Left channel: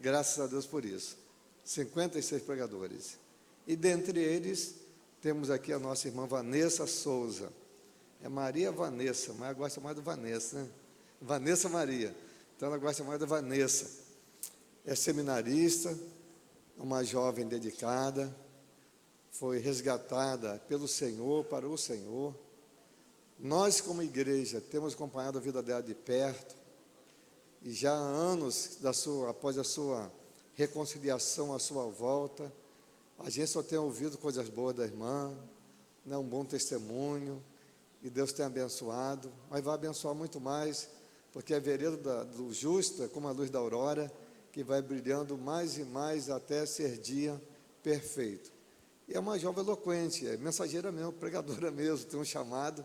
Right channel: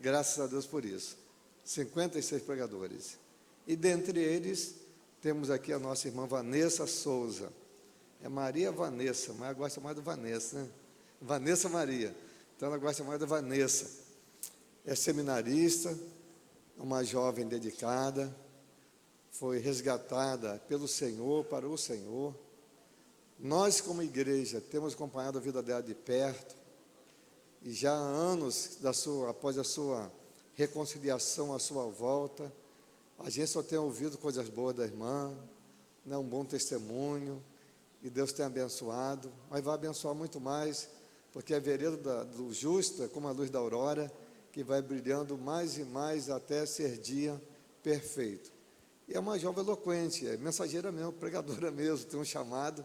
Graças a Deus por isso. 56 pregadores. E dentre eles, temos aqui a nossa irmã Vanessa Souza. É Maria Vanessa, mas ela gosta mais do Vanessa, né? Vanessa Maria. Então ela gosta mais da Vanessa. É seminarista, uma jovem dedicada, foi resgatada pelo Senhor, para o Senhor. Nós, como igreja, temos acompanhado a vida dela de perto, e já há anos, após a sua reconciliação, a sua volta, a gente só tem ouvido coisas boas da irmã, né, um bom testemunho, e Deus tem abençoado, mas vai abençoar muito mais, porque a vereda do justo é como a luz da aurora, que vai brilhando mais e mais até ser dia perfeito. E é uma jovem eloquente, é mensageira mesmo, pregadora mesmo, tem um chamado,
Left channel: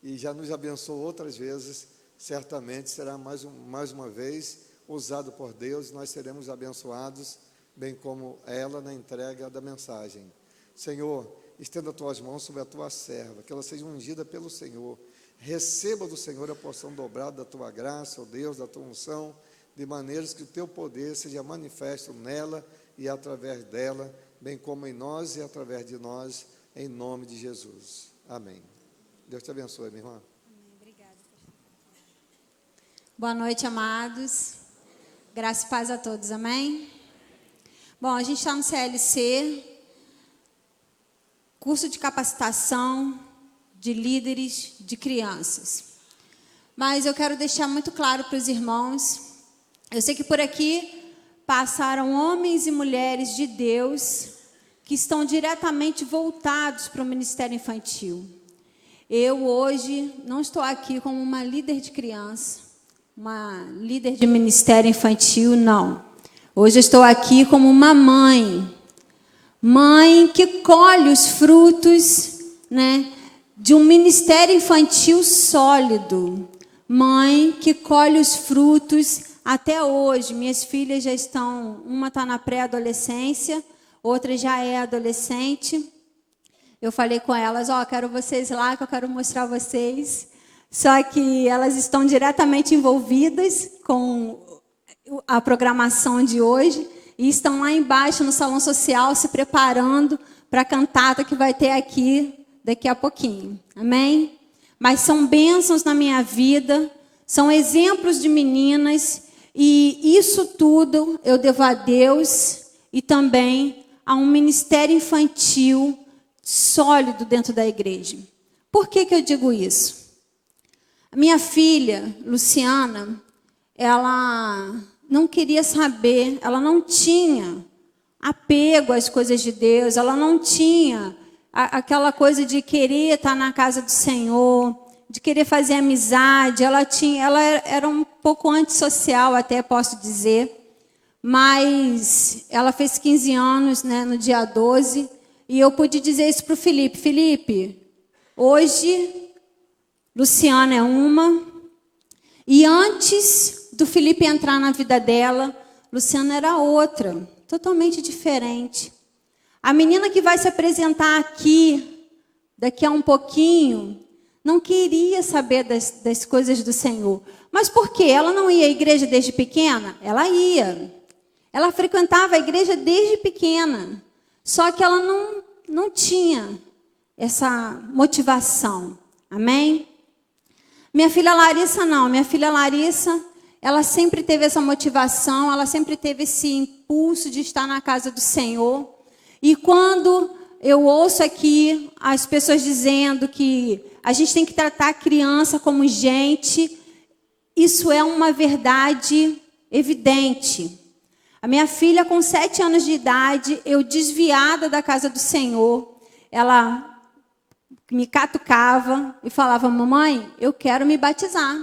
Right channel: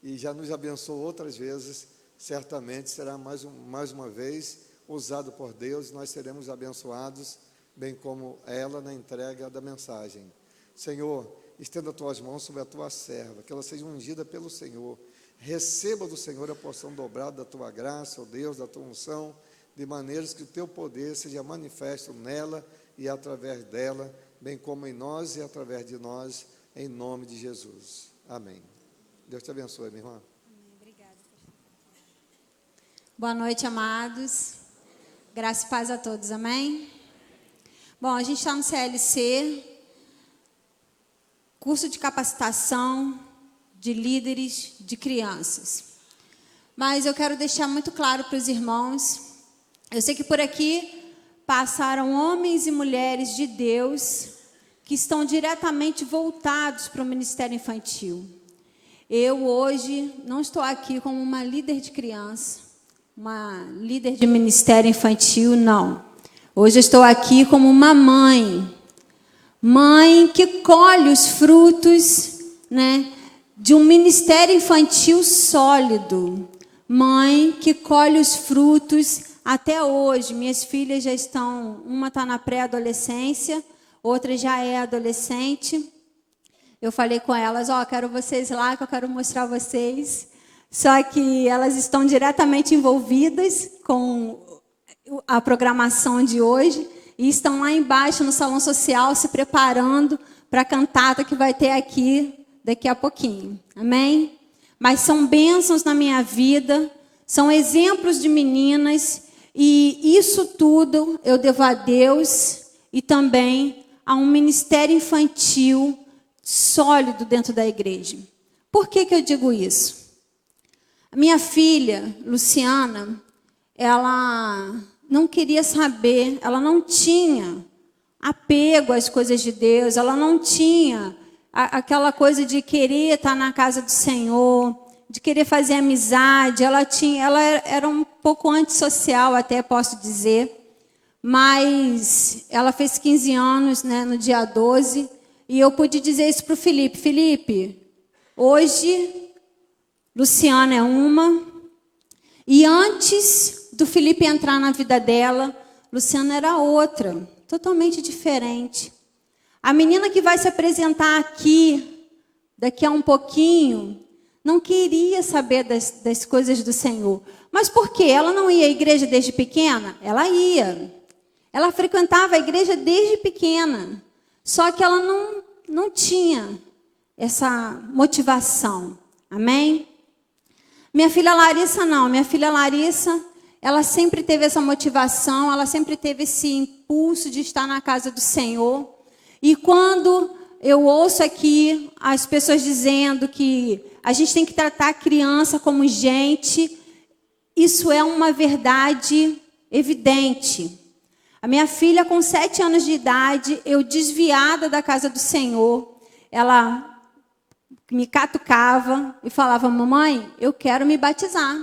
e já nos abençoou outras vezes. Certamente será mais uma vez usado por Deus, nós seremos abençoados, bem como ela na entrega da mensagem. Senhor, estenda as tuas mãos sobre a tua serva, que ela seja ungida pelo Senhor. Receba do Senhor a porção dobrada da tua graça, ó Deus, da tua unção, de maneiras que o teu poder seja manifesto nela e através dela, bem como em nós e através de nós, em nome de Jesus. Amém. Deus te abençoe, minha irmã. Boa noite, amados. Graça e paz a todos, amém? Bom, a gente está no CLC, curso de capacitação de líderes de crianças. Mas eu quero deixar muito claro para os irmãos, eu sei que por aqui passaram homens e mulheres de Deus que estão diretamente voltados para o ministério infantil. Eu hoje não estou aqui como uma líder de criança, uma líder de ministério infantil, não. Hoje eu estou aqui como uma mãe que colhe os frutos, né, de um ministério infantil sólido, mãe que colhe os frutos até hoje. Minhas filhas já estão, uma está na pré-adolescência, outra já é adolescente. Eu falei com elas, quero vocês lá, que eu quero mostrar vocês. Só que elas estão diretamente envolvidas com a programação de hoje e estão lá embaixo no salão social se preparando para a cantata que vai ter aqui daqui a pouquinho. Amém? Mas são bênçãos na minha vida, são exemplos de meninas e isso tudo eu devo a Deus e também a um ministério infantil sólido dentro da igreja. Por que eu digo isso? A minha filha, Luciana, ela não queria saber, ela não tinha apego às coisas de Deus, ela não tinha aquela coisa de querer estar na casa do Senhor, de querer fazer amizade, ela era um pouco antissocial até, posso dizer, mas ela fez 15 anos, né, no dia 12, e eu pude dizer isso para o Felipe. Felipe, hoje Luciana é uma, e antes do Felipe entrar na vida dela, Luciana era outra, totalmente diferente. A menina que vai se apresentar aqui, daqui a um pouquinho, não queria saber das coisas do Senhor. Mas por quê? Ela não ia à igreja desde pequena? Ela ia. Ela frequentava a igreja desde pequena. Só que ela não tinha essa motivação. Amém? Minha filha Larissa não. Minha filha Larissa, ela sempre teve essa motivação, ela sempre teve esse impulso de estar na casa do Senhor. E quando eu ouço aqui as pessoas dizendo que a gente tem que tratar a criança como gente, isso é uma verdade evidente. A minha filha, com 7 anos de idade, eu desviada da casa do Senhor, ela me catucava e falava, mamãe, eu quero me batizar.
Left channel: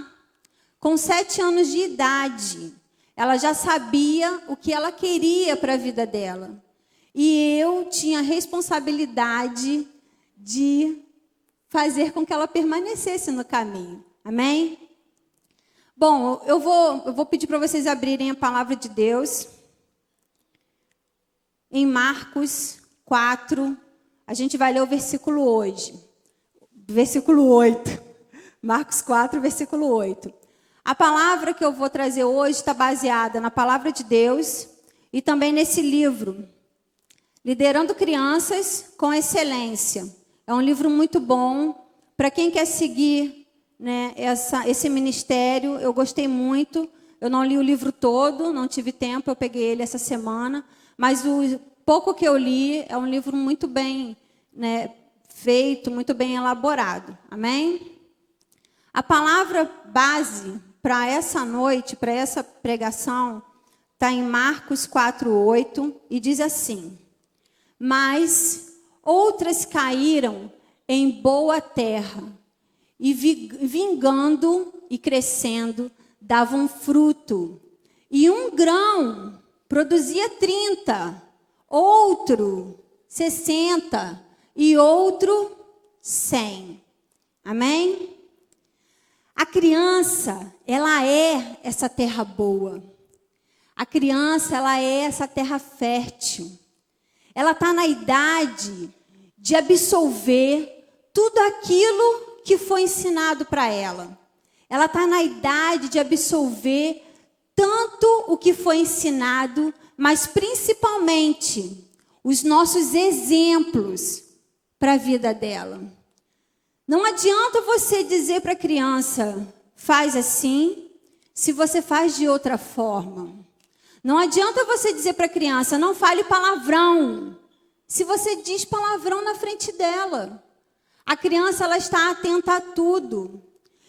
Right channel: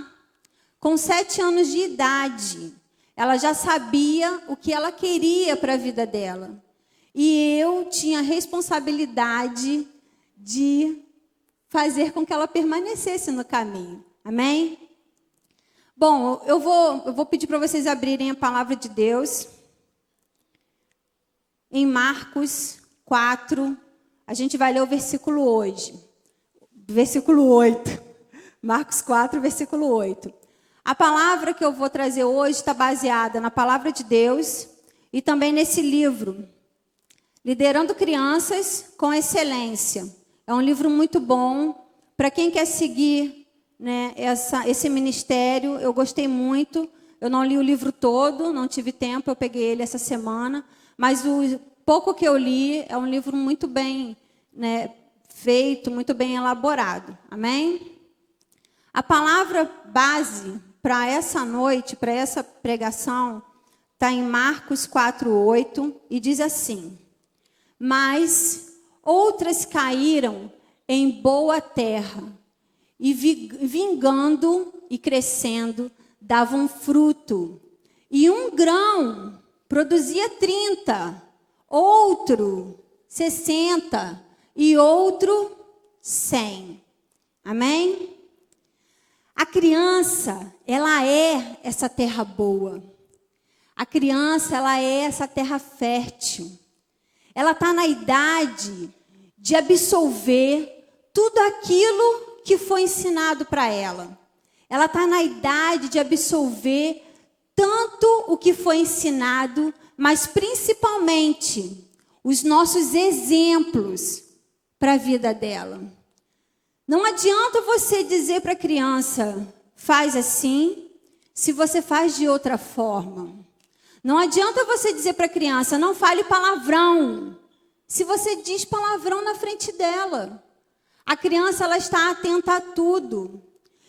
Com 7 anos de idade, ela já sabia o que ela queria para a vida dela. E eu tinha a responsabilidade de fazer com que ela permanecesse no caminho. Amém? Bom, eu vou pedir para vocês abrirem a palavra de Deus. Em Marcos 4, a gente vai ler o versículo 8. Marcos 4, versículo 8. A palavra que eu vou trazer hoje está baseada na palavra de Deus e também nesse livro, Liderando Crianças com Excelência. É um livro muito bom para quem quer seguir, né, esse ministério. Eu gostei muito. Eu não li o livro todo, não tive tempo, eu peguei ele essa semana. Mas o pouco que eu li é um livro muito bem, né, feito, muito bem elaborado. Amém? A palavra base para essa noite, para essa pregação, está em Marcos 4:8 e diz assim: mas outras caíram em boa terra e vingando e crescendo davam fruto. E um grão produzia 30, outro 60 e outro 100. Amém? A criança, ela é essa terra boa. A criança, ela é essa terra fértil. Ela está na idade de absorver tudo aquilo que foi ensinado para ela. Ela está na idade de absorver tanto o que foi ensinado, mas principalmente os nossos exemplos para a vida dela. Não adianta você dizer para a criança, faz assim, se você faz de outra forma. Não adianta você dizer para a criança, não fale palavrão, se você diz palavrão na frente dela. A criança, ela está atenta a tudo.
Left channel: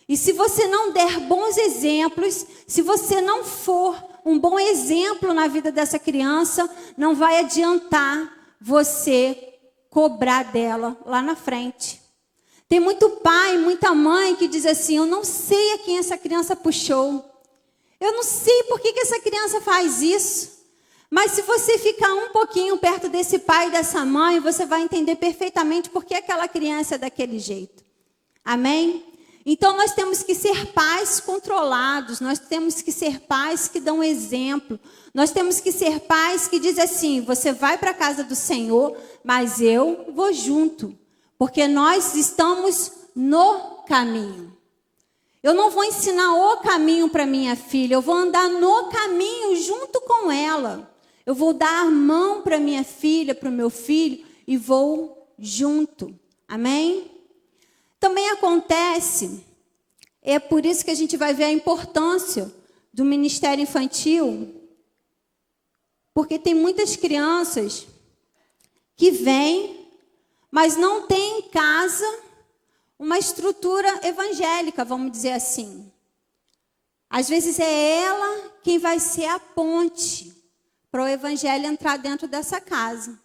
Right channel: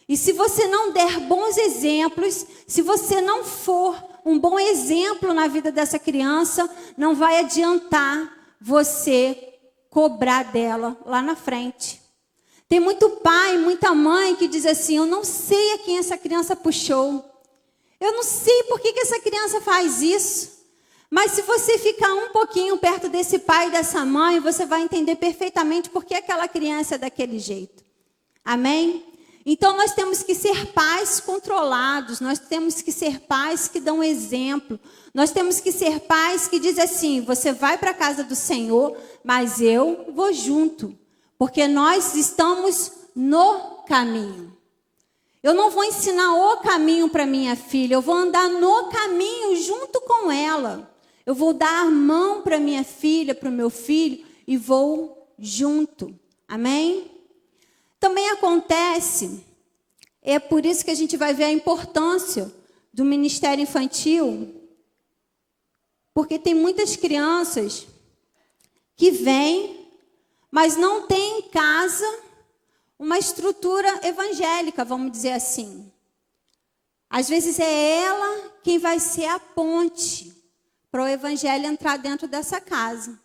E se você não der bons exemplos, se você não for um bom exemplo na vida dessa criança, não vai adiantar você cobrar dela lá na frente. Tem muito pai, muita mãe que diz assim, eu não sei a quem essa criança puxou. Eu não sei por que essa criança faz isso. Mas se você ficar um pouquinho perto desse pai e dessa mãe, você vai entender perfeitamente por que aquela criança é daquele jeito. Amém? Então nós temos que ser pais controlados, nós temos que ser pais que dão exemplo. Nós temos que ser pais que dizem assim, você vai para a casa do Senhor, mas eu vou junto. Porque nós estamos no caminho. Eu não vou ensinar o caminho para minha filha, eu vou andar no caminho junto com ela. Eu vou dar a mão para minha filha, para o meu filho e vou junto. Amém? Também acontece, é por isso que a gente vai ver a importância do ministério infantil, porque tem muitas crianças que vêm, mas não tem em casa uma estrutura evangélica, vamos dizer assim. Às vezes é ela quem vai ser a ponte para o evangelho entrar dentro dessa casa.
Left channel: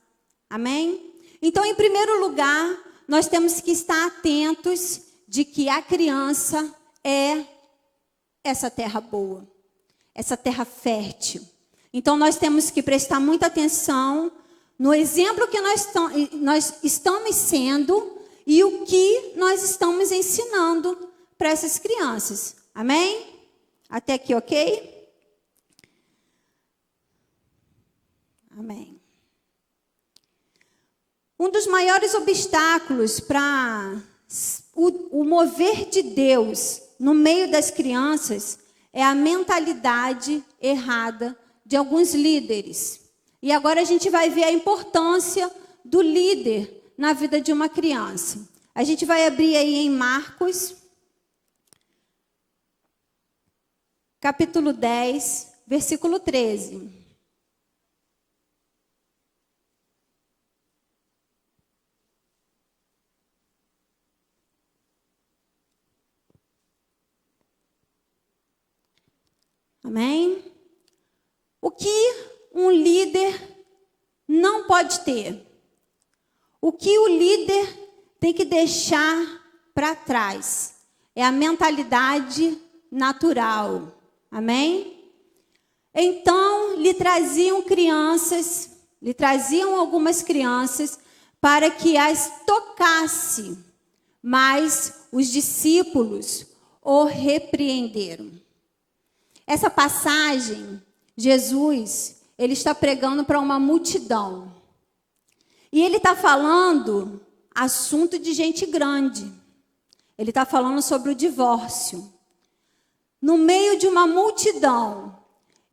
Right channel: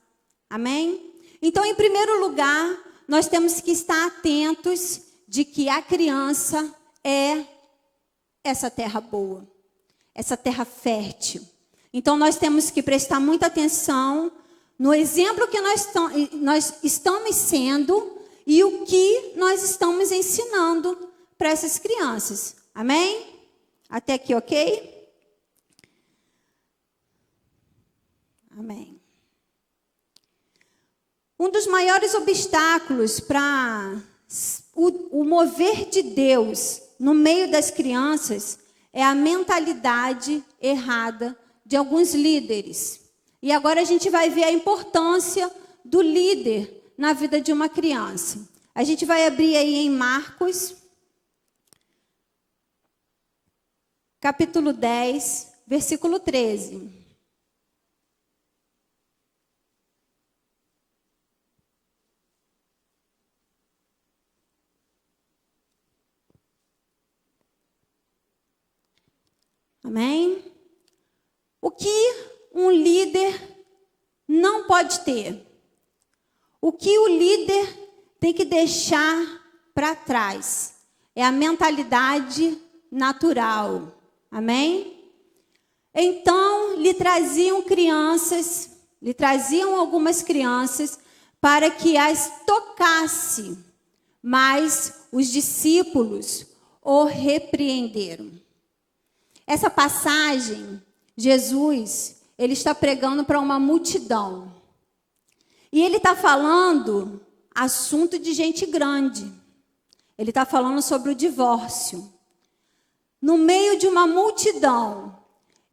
Amém? Então, em primeiro lugar, nós temos que estar atentos de que a criança é essa terra boa, essa terra fértil. Então, nós temos que prestar muita atenção no exemplo que nós estamos sendo e o que nós estamos ensinando para essas crianças. Amém? Até aqui, ok? Amém. Um dos maiores obstáculos para o mover de Deus no meio das crianças é a mentalidade errada de alguns líderes. E agora a gente vai ver a importância do líder na vida de uma criança. A gente vai abrir aí em Marcos, capítulo 10, versículo 13. Amém? O que um líder não pode ter? O que o líder tem que deixar para trás? É a mentalidade natural. Amém? Então, lhe traziam algumas crianças para que as tocasse, mas os discípulos o repreenderam. Essa passagem, Jesus, ele está pregando para uma multidão. E ele está falando assunto de gente grande. Ele está falando sobre o divórcio. No meio de uma multidão.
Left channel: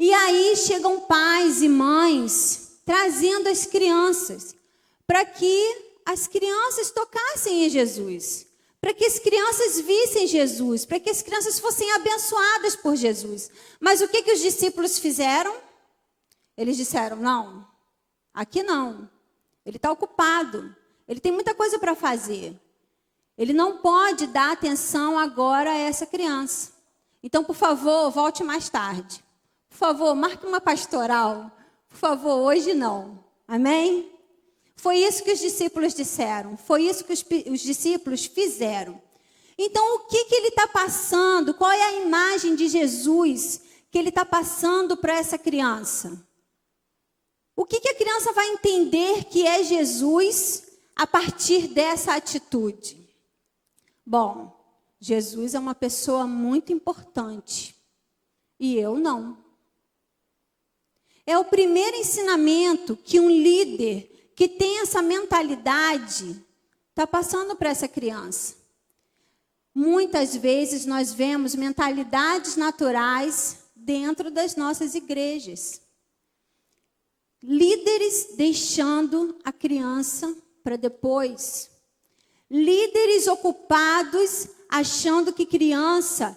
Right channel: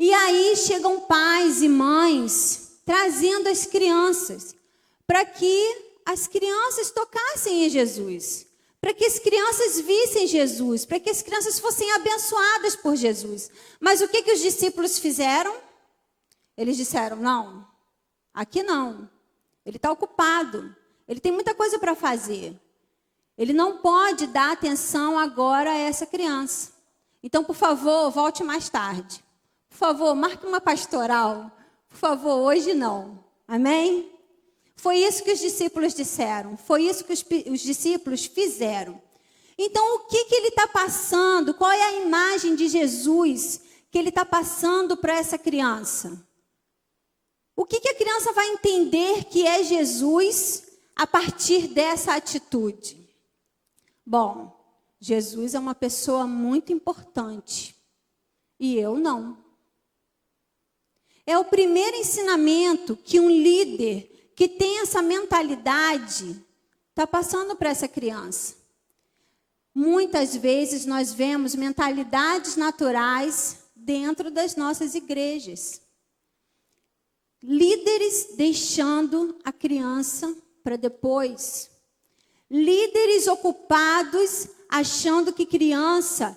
E aí chegam pais e mães trazendo as crianças para que as crianças tocassem em Jesus, para que as crianças vissem Jesus, para que as crianças fossem abençoadas por Jesus. Mas o que os discípulos fizeram? Eles disseram, não, aqui não. Ele está ocupado, ele tem muita coisa para fazer. Ele não pode dar atenção agora a essa criança. Então, por favor, volte mais tarde. Por favor, marque uma pastoral. Por favor, hoje não. Amém? Foi isso que os discípulos disseram. Foi isso que os discípulos fizeram. Então, o que ele está passando? Qual é a imagem de Jesus que ele está passando para essa criança? O que a criança vai entender que é Jesus a partir dessa atitude? Bom, Jesus é uma pessoa muito importante e eu não. É o primeiro ensinamento que um líder que tem essa mentalidade está passando para essa criança. Muitas vezes nós vemos mentalidades naturais dentro das nossas igrejas. Líderes deixando a criança para depois. Líderes ocupados achando que criança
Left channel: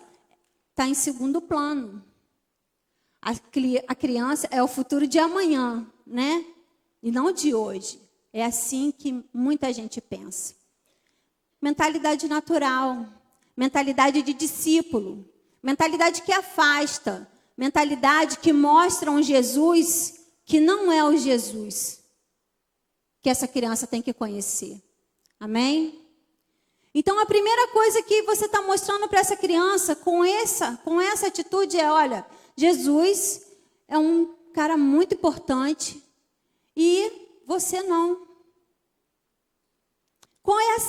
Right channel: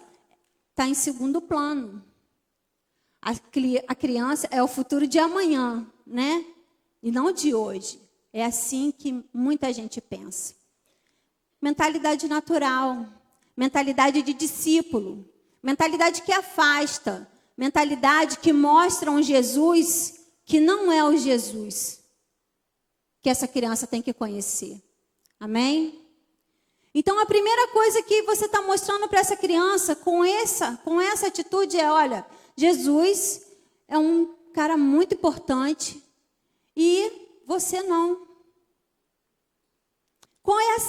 está em segundo plano. A criança é o futuro de amanhã, né? E não de hoje. É assim que muita gente pensa. Mentalidade natural, mentalidade de discípulo, mentalidade que afasta, mentalidade que mostra um Jesus que não é o Jesus que essa criança tem que conhecer. Amém? Então, a primeira coisa que você está mostrando para essa criança com essa atitude é, olha, Jesus é um cara muito importante e você não. Qual é o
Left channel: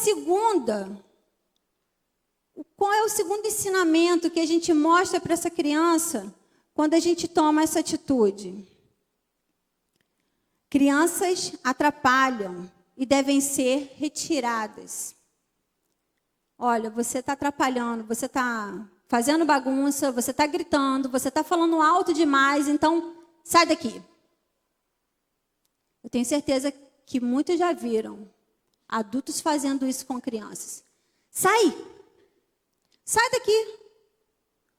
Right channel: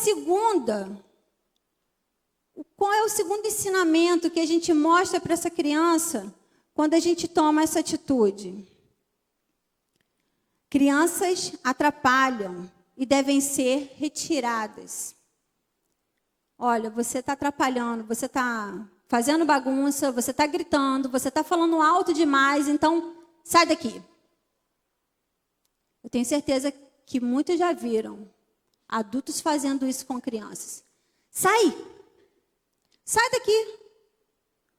segundo ensinamento que a gente mostra para essa criança quando a gente toma essa atitude? Crianças atrapalham e devem ser retiradas. Olha, você está atrapalhando, você está fazendo bagunça, você está gritando, você está falando alto demais, então sai daqui. Eu tenho certeza que muitos já viram adultos fazendo isso com crianças. Sai! Sai daqui!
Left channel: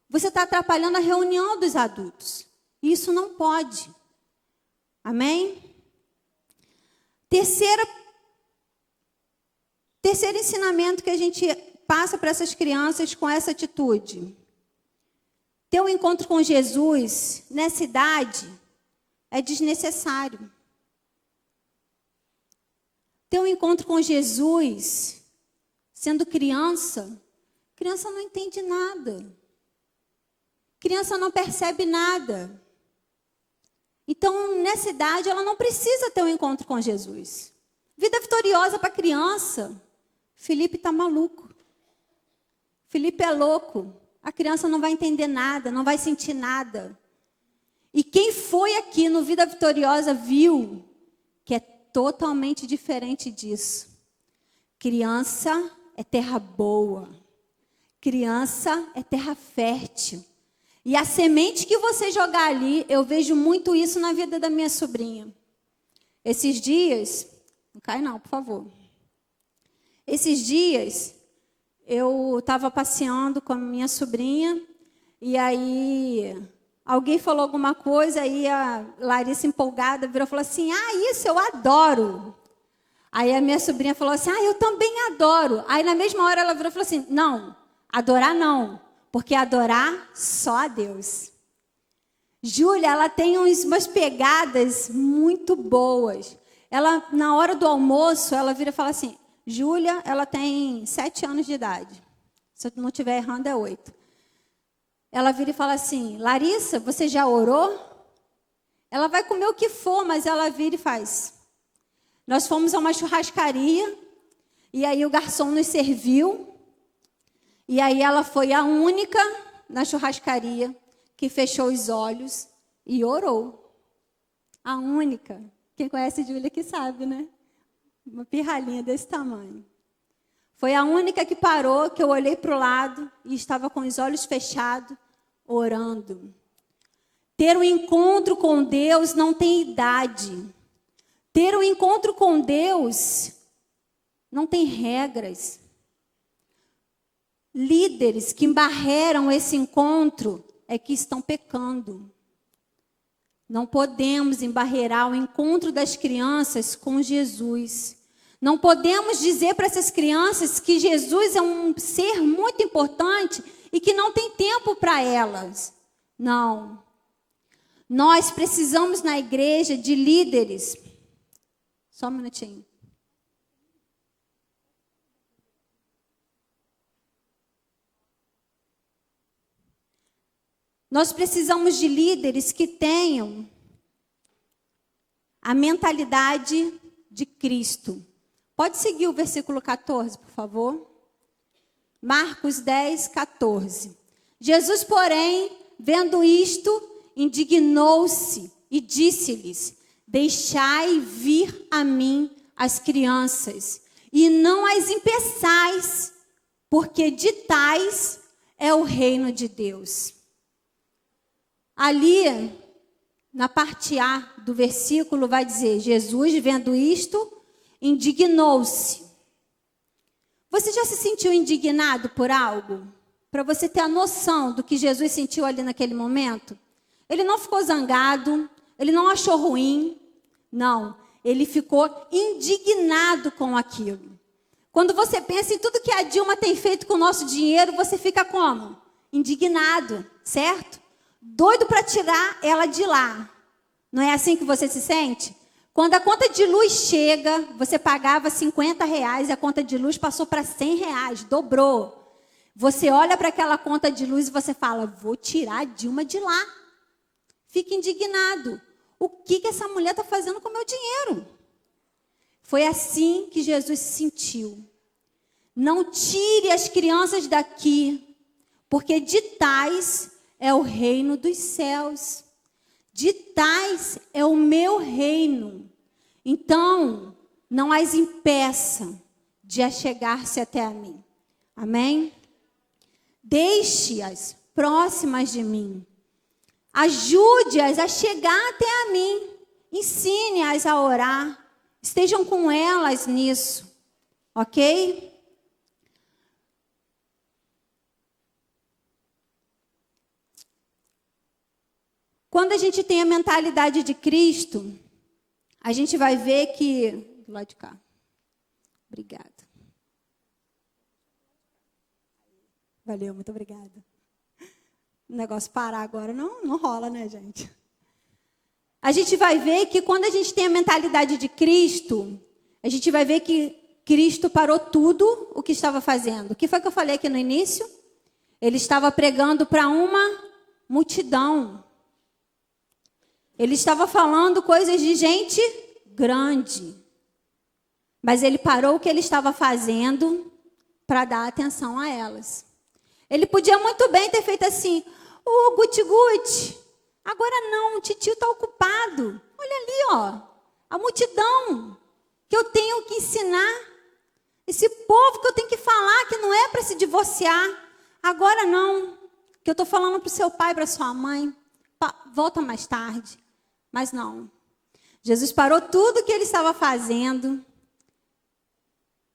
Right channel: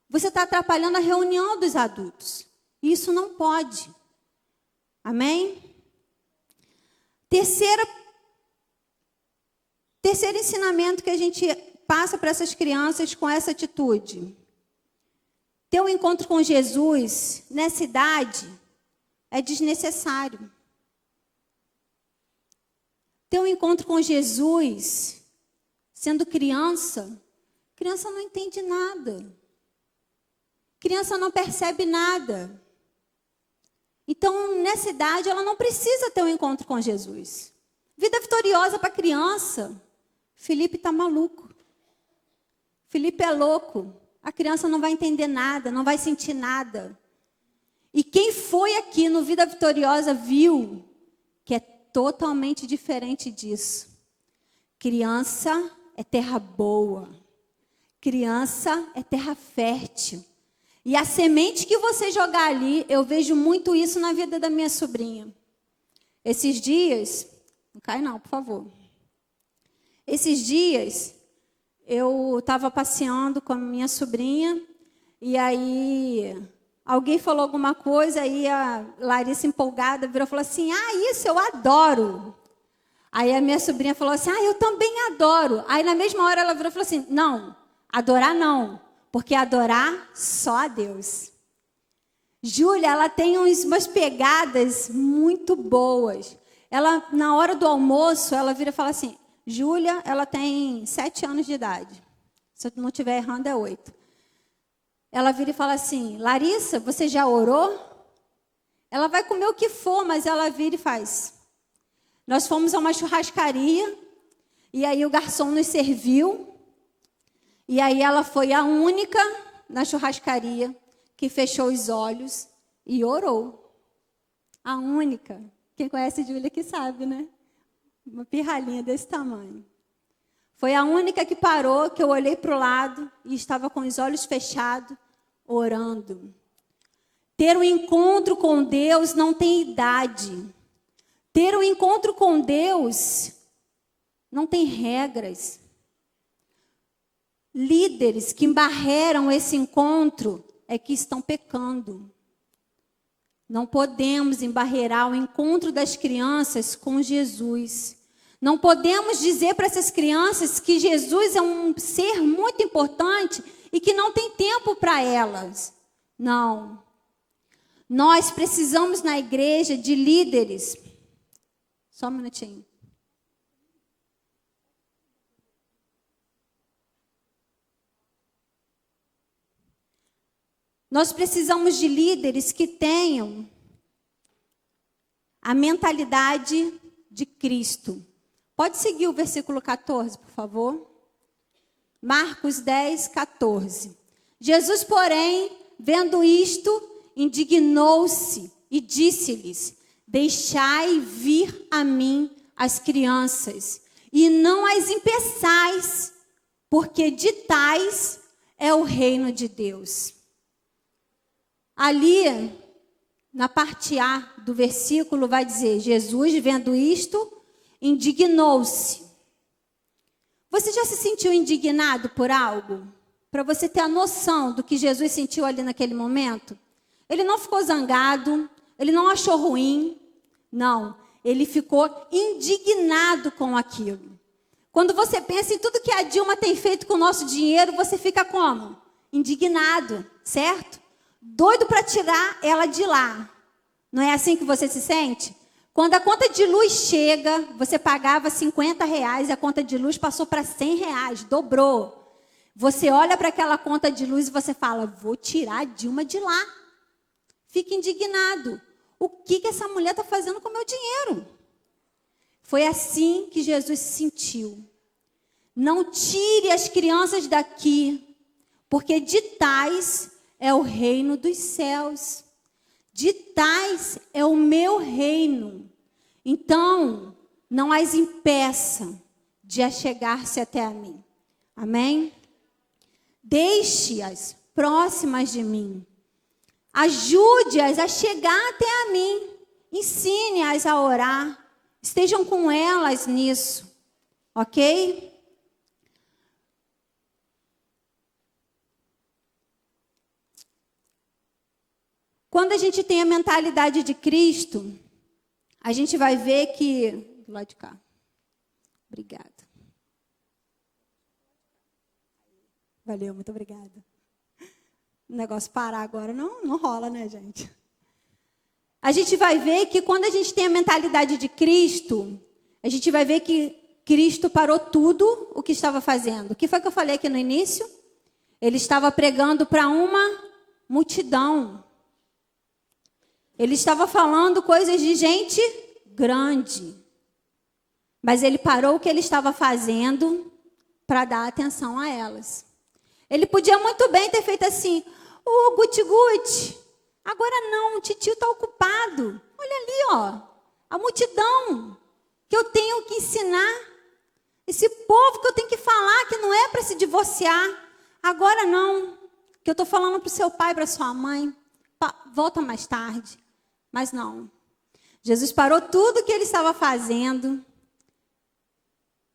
Você está atrapalhando a reunião dos adultos. Isso não pode. Amém? Terceiro ensinamento que a gente passa para essas crianças com essa atitude. Ter um encontro com Jesus nessa idade é desnecessário. Ter um encontro com Jesus sendo criança não entende nada. Criança não percebe nada. Então, nessa idade, ela não precisa ter um encontro com Jesus. Vida vitoriosa para criança. Felipe está maluco. Felipe é louco. A criança não vai entender nada, não vai sentir nada. E quem foi aqui no Vida Vitoriosa viu que é totalmente diferente disso. Criança é terra boa. Criança é terra fértil. E a semente que você jogar ali, eu vejo muito isso na vida da minha sobrinha. Esses dias, não cai não, por favor. Esses dias, eu estava passeando com a minha sobrinha, e aí alguém falou alguma coisa, aí a Larissa, empolgada, virou e falou assim, isso eu adoro. Aí a minha sobrinha falou assim, eu também adoro. Aí na mesma hora ela virou e falou assim, não, adorar não, porque adorar só a Deus. Júlia, ela tem umas pegadas muito boas. Ela, na hora do almoço, ela vira e fala assim, Júlia, ela tem 7 anos de idade. Se eu não estiver errando, é 8. Ela vira e fala assim, Larissa, você já orou? Ela vai comer o que for, mas ela vira e faz. Nós fomos a uma churrascaria, e aí o garçom nos serviu, e aí ela foi a única na churrascaria que fechou os olhos e orou. A única. Quem conhece Júlia que sabe, né? Uma pirralhinha desse tamanho. Foi a única que parou, que eu olhei para o lado e estava com os olhos fechados, orando. Ter um encontro com Deus não tem idade. Ter um encontro com Deus não tem regras. Líderes que embarreram esse encontro é que estão pecando. Não podemos embarrear o encontro das crianças com Jesus. Não podemos dizer para essas crianças que Jesus é um ser muito importante e que não tem tempo para elas. Não. Nós precisamos na igreja de líderes. Só um minutinho. Nós precisamos de líderes que tenham a mentalidade de Cristo. Pode seguir o versículo 14, por favor? Marcos 10, 14. Jesus, porém, vendo isto, indignou-se e disse-lhes: deixai vir a mim as crianças, e não as impeçais, porque de tais é o reino de Deus. Ali, na parte A do versículo, vai dizer: Jesus, vendo isto, indignou-se. Você já se sentiu indignado por algo? Para você ter a noção do que Jesus sentiu ali naquele momento? Ele não ficou zangado, ele não achou ruim, não. Ele ficou indignado com aquilo. Quando você pensa em tudo que a Dilma tem feito com o nosso dinheiro, você fica como? Indignado, certo? Doido para tirar ela de lá. Não é assim que você se sente? Quando a conta de luz chega, você pagava R$50 e a conta de luz passou para R$100, dobrou. Você olha para aquela conta de luz e você fala: vou tirar a Dilma de lá. Fica indignado. O que essa mulher está fazendo com o meu dinheiro? Foi assim que Jesus se sentiu. Não tire as crianças daqui, porque de tais é o reino dos céus. De tais é o meu reino. Então, não as impeça de achegar-se até a mim. Amém? Deixe-as próximas de mim. Ajude-as a chegar até a mim. Ensine-as a orar. Estejam com elas nisso. Ok? Quando a gente tem a mentalidade de Cristo, a gente vai ver que... Do lado de cá. Obrigada. Valeu, muito obrigada. O negócio parar agora não rola, né, gente? A gente vai ver que quando a gente tem a mentalidade de Cristo, a gente vai ver que Cristo parou tudo o que estava fazendo. O que foi que eu falei aqui no início? Ele estava pregando para uma multidão. Ele estava falando coisas de gente grande. Mas ele parou o que ele estava fazendo para dar atenção a elas. Ele podia muito bem ter feito assim: guti-guti, agora não, o titio está ocupado. Olha ali, ó, a multidão que eu tenho que ensinar. Esse povo que eu tenho que falar que não é para se divorciar. Agora não, que eu estou falando para o seu pai, para a sua mãe. Volta mais tarde. Mas não. Jesus parou tudo que ele estava fazendo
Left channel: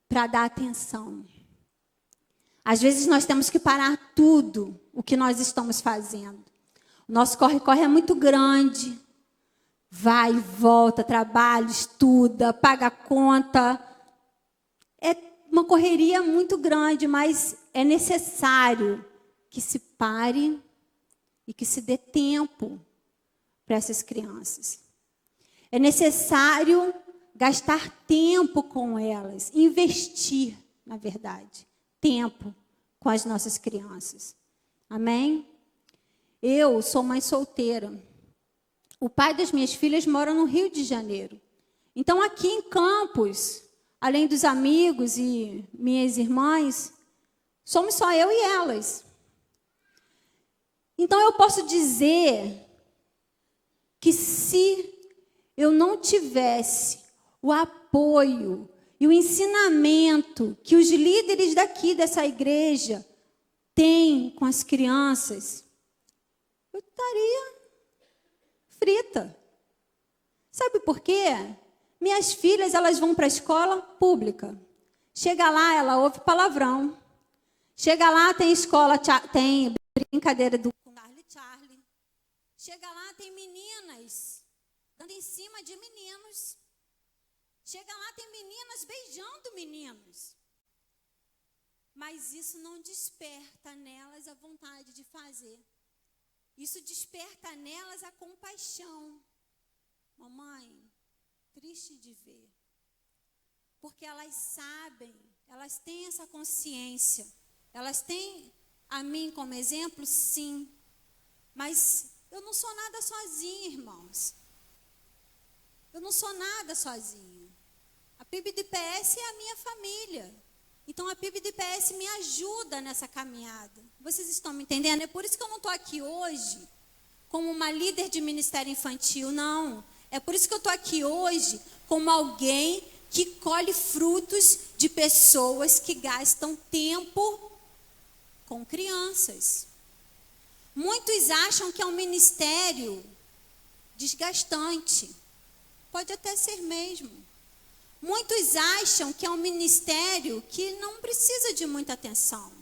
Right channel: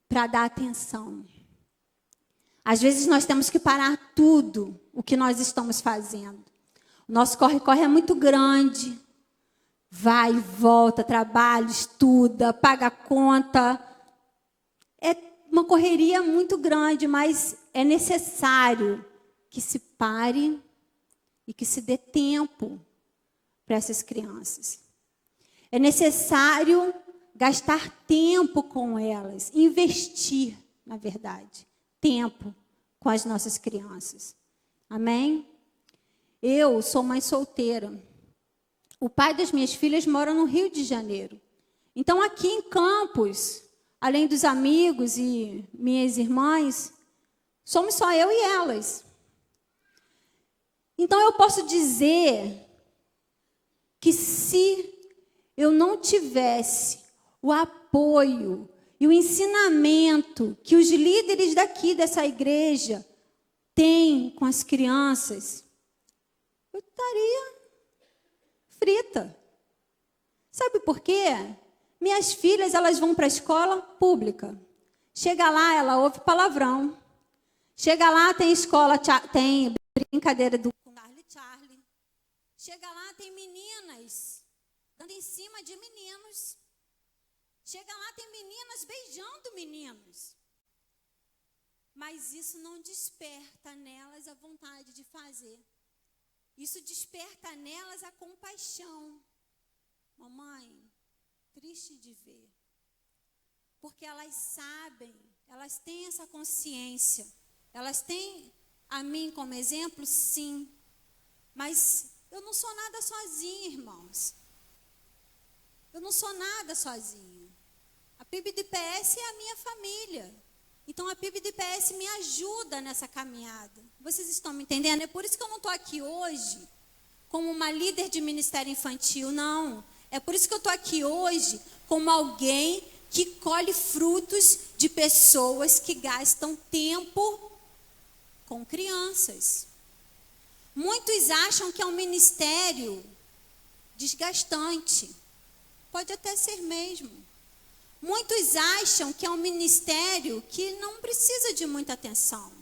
para dar atenção. Às vezes nós temos que parar tudo o que nós estamos fazendo. O nosso corre-corre é muito grande. Vai e volta, trabalha, estuda, paga a conta. É uma correria muito grande, mas é necessário que se pare e que se dê tempo para essas crianças. É necessário gastar tempo com elas, investir, na verdade, tempo com as nossas crianças. Amém? Eu sou mãe solteira. O pai das minhas filhas mora no Rio de Janeiro. Então, aqui em Campos, além dos amigos e minhas irmãs, somos só eu e elas. Então, eu posso dizer que se eu não tivesse o apoio e o ensinamento que os líderes daqui dessa igreja têm com as crianças, eu estaria frita. Sabe por quê? Minhas filhas, elas vão para a escola pública. Chega lá, ela ouve palavrão. Chega lá, tem escola, tem brincadeira do Charlie. Chega lá, tem meninas dando em cima de meninos. Chega lá, tem meninas beijando meninos. Mas isso não desperta nelas a vontade de fazer. Isso desperta nelas a compaixão. Mamãe, triste de ver. Porque elas sabem, elas têm essa consciência. Elas têm a mim como exemplo, sim. Mas eu não sou nada sozinha, irmãos. Eu não sou nada sozinha. A PIB do IPS é a minha família. Então, a PIB do IPS me ajuda nessa caminhada. Vocês estão me entendendo? É por isso que eu não estou aqui hoje como uma líder de ministério infantil, não. É por isso que eu estou aqui hoje como alguém que colhe frutos de pessoas que gastam tempo com crianças. Muitos acham que é um ministério desgastante. Pode até ser mesmo. Muitos acham que é um ministério que não precisa de muita atenção.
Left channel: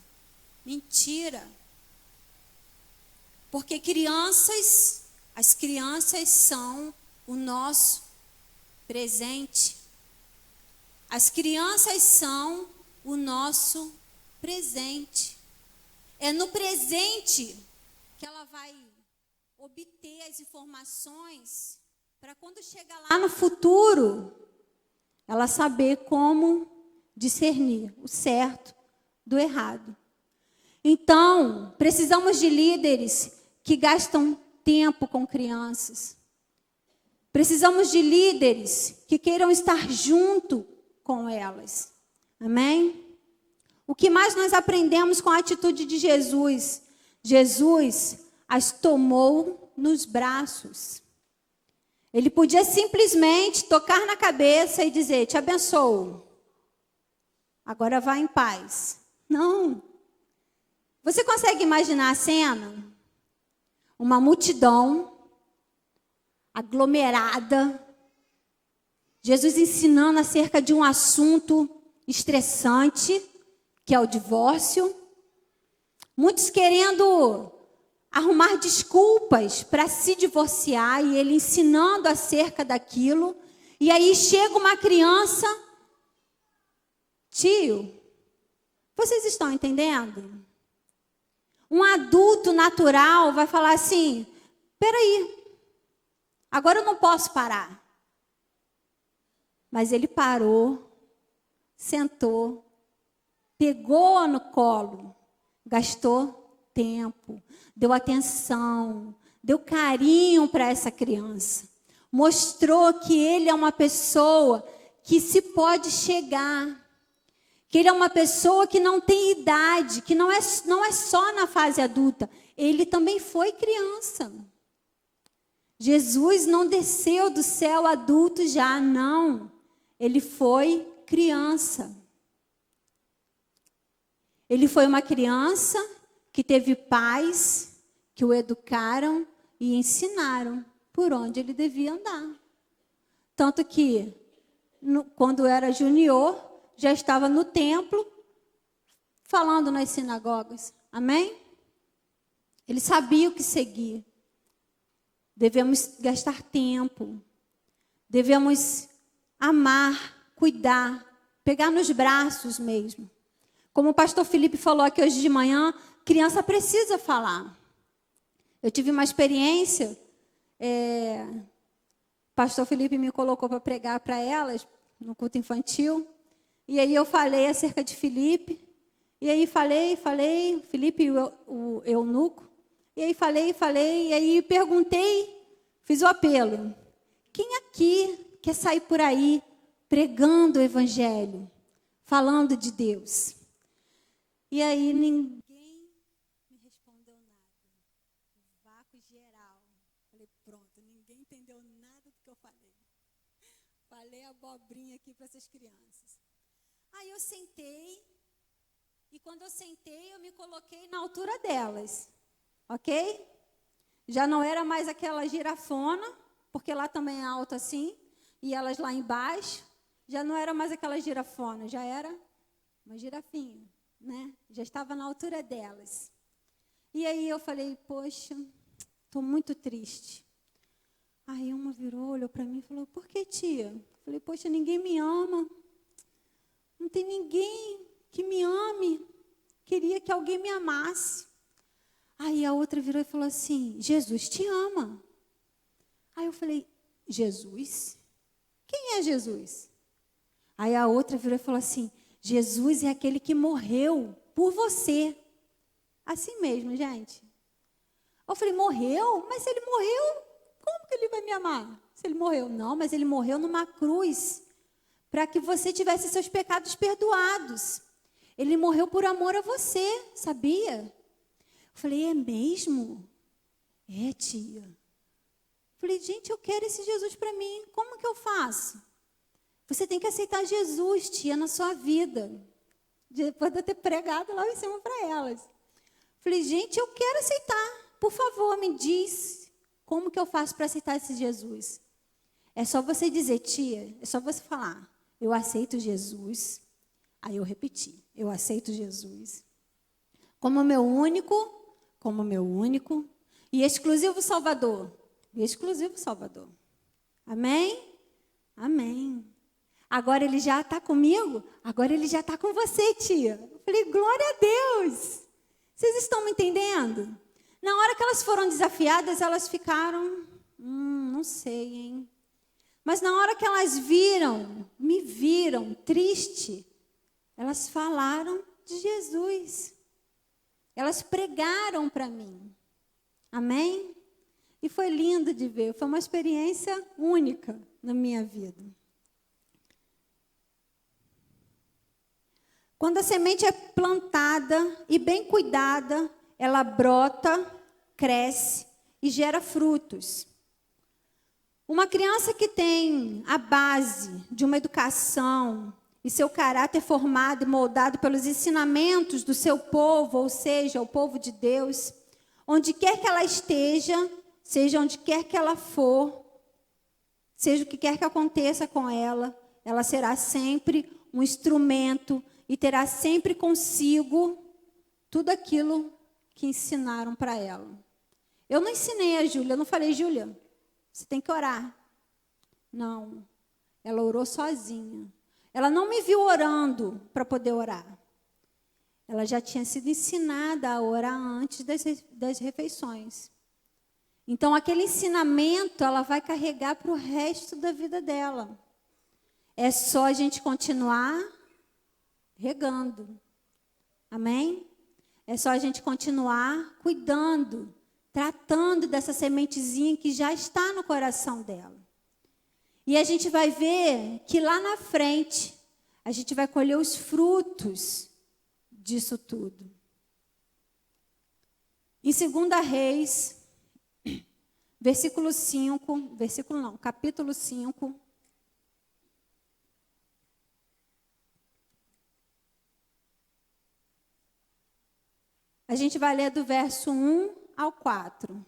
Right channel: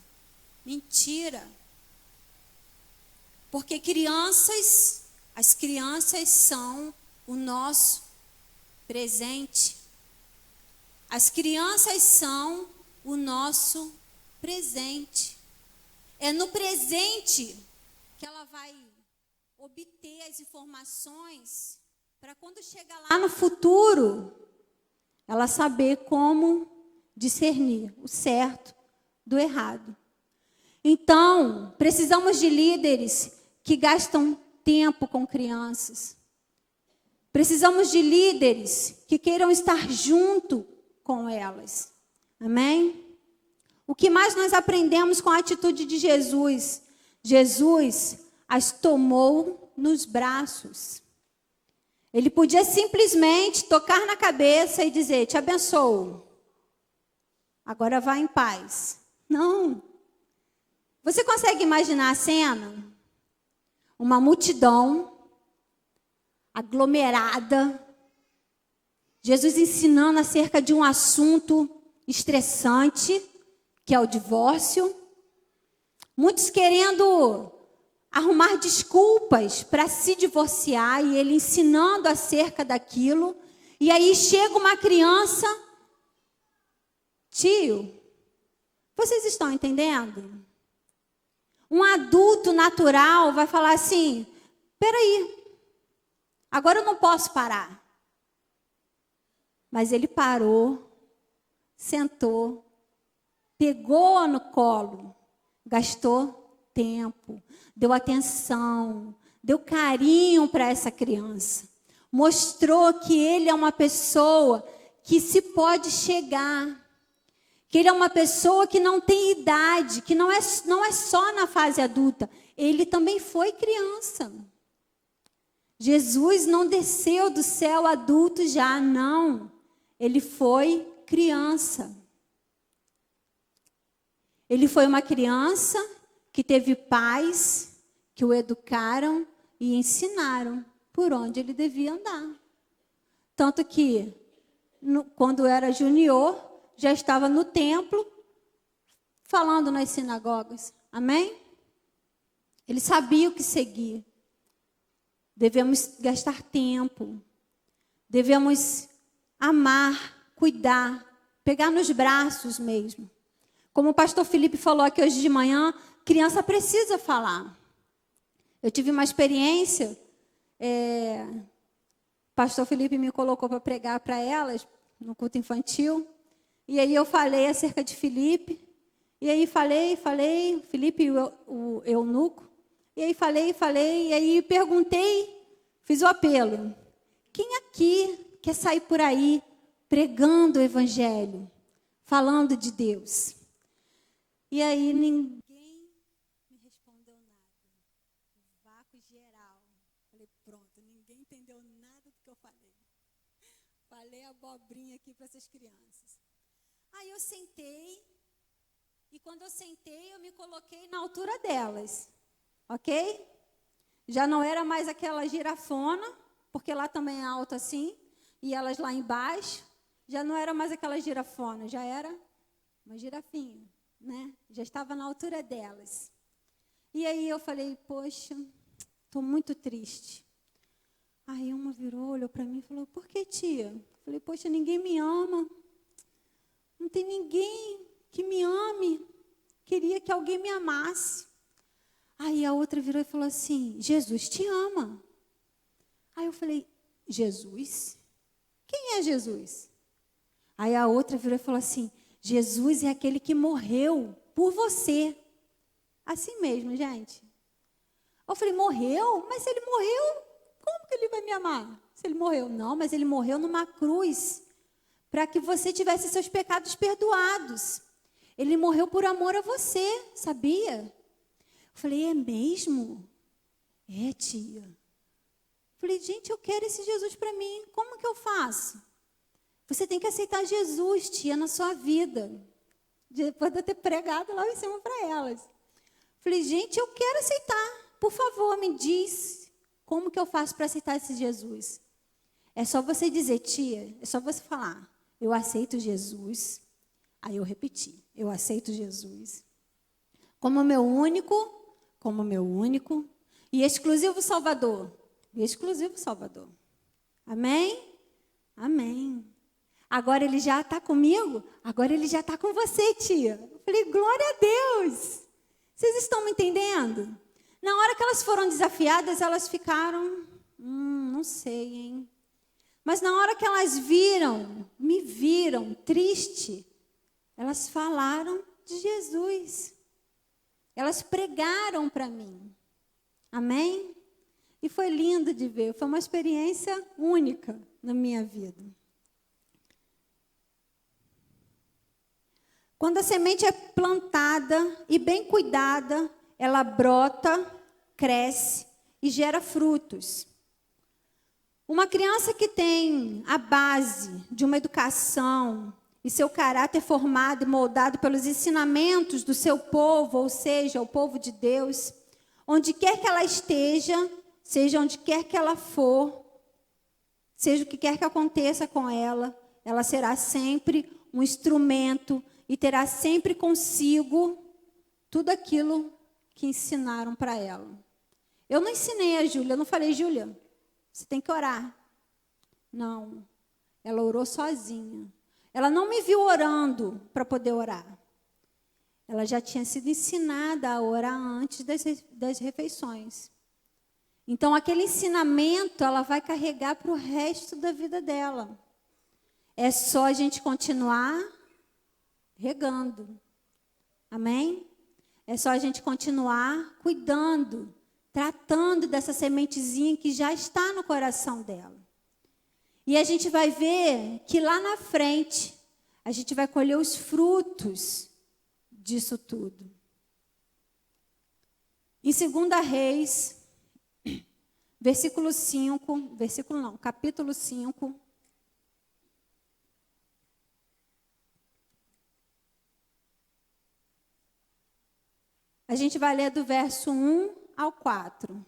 Mentira. Porque as crianças são o nosso presente. As crianças são o nosso presente. É no presente que ela vai obter as informações para quando chegar lá no futuro, ela saber como discernir o certo do errado. Então, precisamos de líderes que gastam tempo com crianças. Precisamos de líderes que queiram estar junto com elas. Amém? O que mais nós aprendemos com a atitude de Jesus? Jesus as tomou nos braços. Ele podia simplesmente tocar na cabeça e dizer, te abençoo. Agora vá em paz. Não. Você consegue imaginar a cena? Uma multidão aglomerada. Jesus ensinando acerca de um assunto estressante, que é o divórcio. Muitos querendo arrumar desculpas para se divorciar e ele ensinando acerca daquilo. E aí chega uma criança, tio, vocês estão entendendo? Um adulto natural vai falar assim, peraí, agora eu não posso parar. Mas ele parou, sentou, pegou no colo, gastou tempo, deu atenção, deu carinho para essa criança. Mostrou que ele é uma pessoa que se pode chegar. Que ele é uma pessoa que não tem idade, que não é só na fase adulta. Ele também foi criança. Jesus não desceu do céu adulto já, não. Ele foi criança. Ele foi uma criança que teve pais que o educaram e ensinaram por onde ele devia andar. Tanto que, quando era junior, já estava no templo, falando nas sinagogas. Amém? Ele sabia o que seguir. Devemos gastar tempo. Devemos amar, cuidar, pegar nos braços mesmo. Como o pastor Felipe falou aqui hoje de manhã, criança precisa falar. Eu tive uma experiência, o pastor Felipe me colocou para pregar para elas, no culto infantil, e aí eu falei acerca de Felipe, e aí falei, Felipe e o eunuco, e aí falei, e aí perguntei, fiz o apelo, quem aqui quer sair por aí pregando o evangelho, falando de Deus? E aí ninguém me respondeu nada. Vácuo geral. Falei, pronto, ninguém entendeu nada do que eu falei. Falei abobrinha aqui para essas crianças. Aí eu sentei, e quando eu sentei, eu me coloquei na altura delas. Ok? Já não era mais aquela girafona, porque lá também é alto assim, e elas lá embaixo. Já não era mais aquela girafona, já era uma girafinha, né? Já estava na altura delas. E aí eu falei, poxa, estou muito triste. Aí uma virou, olhou para mim e falou, por que, tia? Eu falei, poxa, ninguém me ama. Não tem ninguém que me ame. Queria que alguém me amasse. Aí a outra virou e falou assim, Jesus te ama. Aí eu falei, Jesus? Quem é Jesus? Aí a outra virou e falou assim, Jesus é aquele que morreu por você. Assim mesmo, gente. Eu falei, morreu? Mas se ele morreu, como que ele vai me amar? Se ele morreu? Não, mas ele morreu numa cruz, para que você tivesse seus pecados perdoados. Ele morreu por amor a você, sabia? Eu falei, é mesmo? É, tia. Eu falei, gente, eu quero esse Jesus para mim. Como que eu faço? Você tem que aceitar Jesus, tia, na sua vida. Depois de eu ter pregado lá em cima para elas. Falei, gente, eu quero aceitar. Por favor, me diz como que eu faço para aceitar esse Jesus. É só você dizer, tia, é só você falar, eu aceito Jesus. Aí eu repeti, eu aceito Jesus. Como meu único e exclusivo Salvador. E exclusivo Salvador. Amém? Amém. Agora ele já está comigo? Agora ele já está com você, tia. Eu falei, glória a Deus. Vocês estão me entendendo? Na hora que elas foram desafiadas, elas ficaram, não sei, hein? Mas na hora que elas me viram triste, elas falaram de Jesus. Elas pregaram para mim. Amém? E foi lindo de ver. Foi uma experiência única na minha vida. Quando a semente é plantada e bem cuidada, ela brota, cresce e gera frutos. Uma criança que tem a base de uma educação e seu caráter formado e moldado pelos ensinamentos do seu povo, ou seja, o povo de Deus, onde quer que ela esteja, seja onde quer que ela for, seja o que quer que aconteça com ela, ela será sempre um instrumento e terá sempre consigo tudo aquilo que ensinaram para ela. Eu não ensinei a Júlia, eu não falei, Júlia, você tem que orar. Não, ela orou sozinha. Ela não me viu orando para poder orar. Ela já tinha sido ensinada a orar antes das refeições. Então, aquele ensinamento ela vai carregar para o resto da vida dela. É só a gente continuar regando. Amém? É só a gente continuar cuidando, tratando dessa sementezinha que já está no coração dela. E a gente vai ver que lá na frente, a gente vai colher os frutos disso tudo. Em 2 Reis, capítulo 5. A gente vai ler do verso 1 ao 4.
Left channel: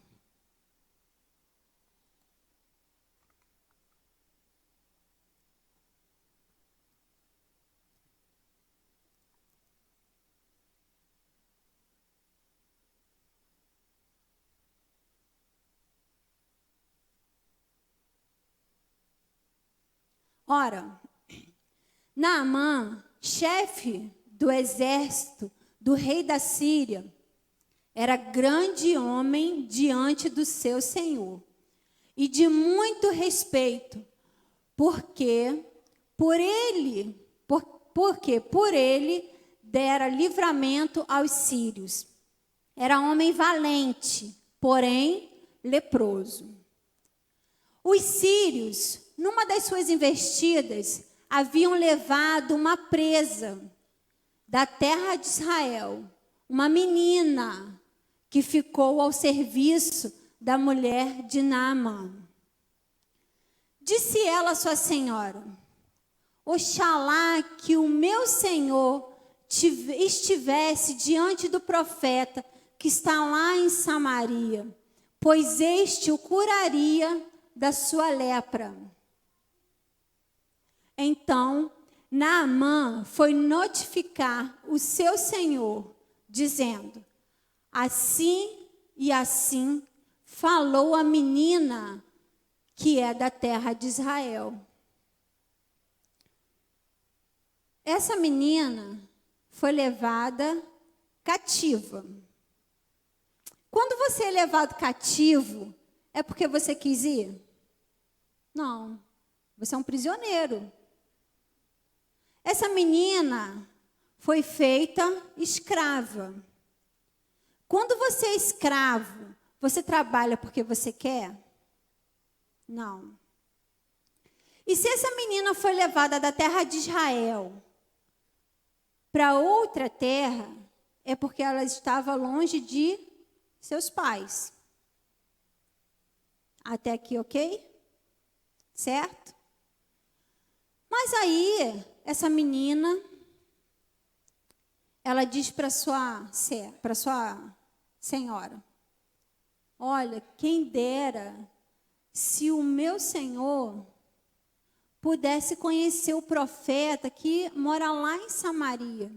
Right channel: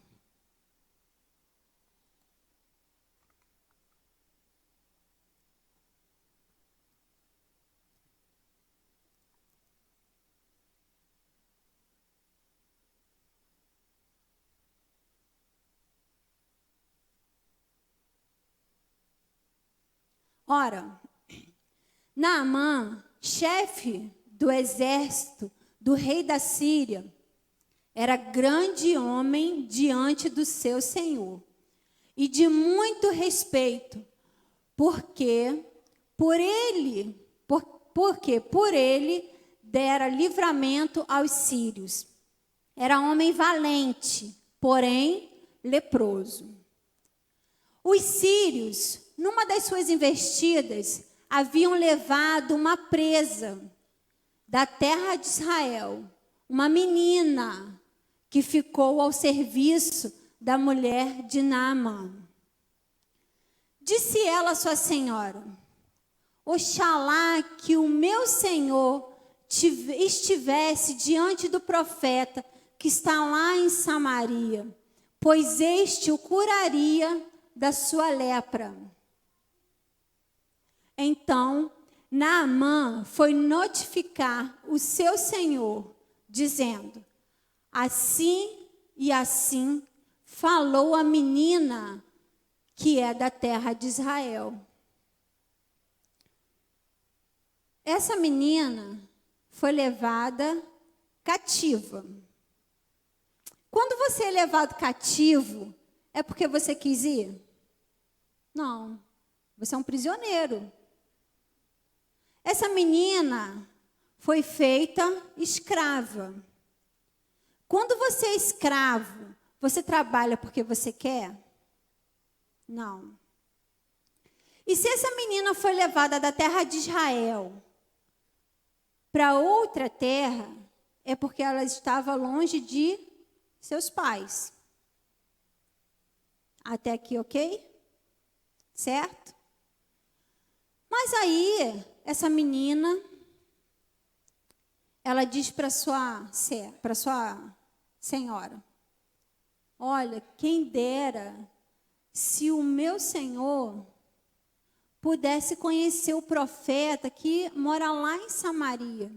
Ora, Naamã, chefe do exército do rei da Síria, era grande homem diante do seu senhor e de muito respeito, porque por ele dera livramento aos sírios. Era homem valente, porém leproso. Os sírios, numa das suas investidas, haviam levado uma presa da terra de Israel, uma menina que ficou ao serviço da mulher de Naamã. Disse ela à sua senhora: Oxalá que o meu senhor estivesse diante do profeta que está lá em Samaria, pois este o curaria da sua lepra. Então, Naamã foi notificar o seu senhor, dizendo: assim e assim falou a menina que é da terra de Israel. Essa menina foi levada cativa. Quando você é levado cativo, é porque você quis ir? Não, você é um prisioneiro. Essa menina foi feita escrava. Quando você é escravo, você trabalha porque você quer? Não. E se essa menina foi levada da terra de Israel para outra terra, é porque ela estava longe de seus pais. Até aqui, ok? Certo? Mas aí, essa menina, ela diz para sua senhora: olha, quem dera se o meu senhor pudesse conhecer o profeta que mora lá em Samaria.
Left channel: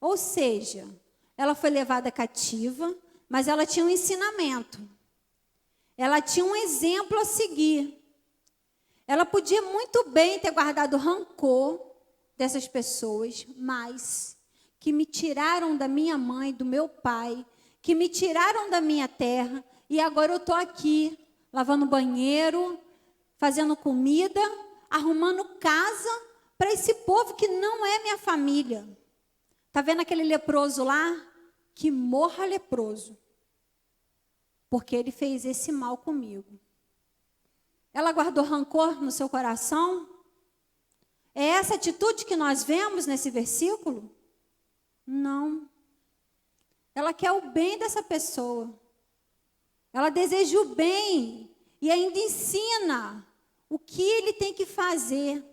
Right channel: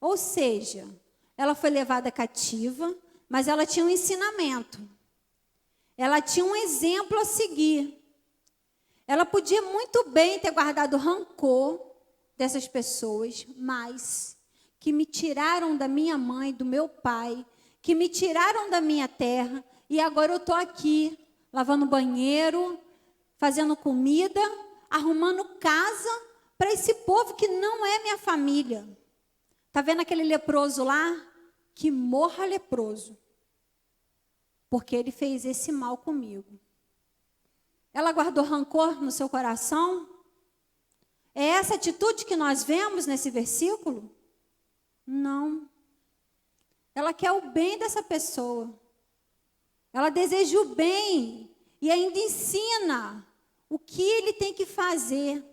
Ou seja, ela foi levada cativa, mas ela tinha um ensinamento. Ela tinha um exemplo a seguir. Ela podia muito bem ter guardado rancor dessas pessoas, mas que me tiraram da minha mãe, do meu pai, que me tiraram da minha terra, e agora eu estou aqui, lavando banheiro, fazendo comida, arrumando casa para esse povo que não é minha família. Está vendo aquele leproso lá? Que morra leproso, porque ele fez esse mal comigo. Ela guardou rancor no seu coração? É essa atitude que nós vemos nesse versículo? Não. Ela quer o bem dessa pessoa. Ela deseja o bem e ainda ensina o que ele tem que fazer.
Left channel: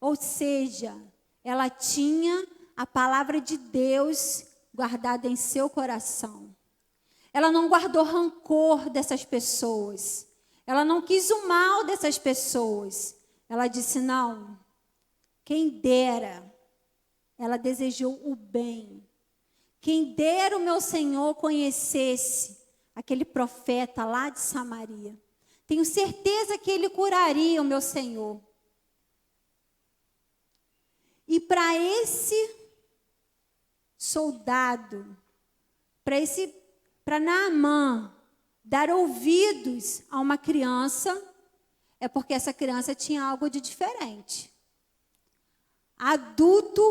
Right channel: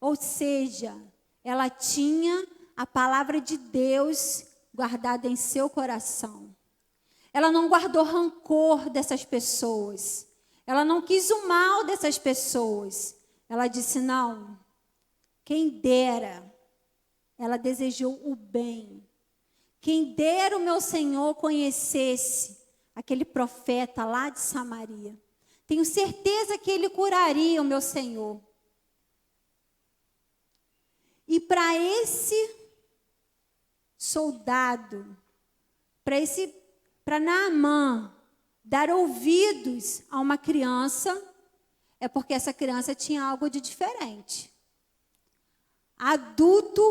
Ou seja, ela tinha a palavra de Deus guardada em seu coração. Ela não guardou rancor dessas pessoas. Ela não quis o mal dessas pessoas. Ela disse: não, quem dera. Ela desejou o bem. Quem dera o meu Senhor conhecesse aquele profeta lá de Samaria. Tenho certeza que ele curaria o meu Senhor. E para esse soldado, para Naamã dar ouvidos a uma criança, é porque essa criança tinha algo de diferente. Adulto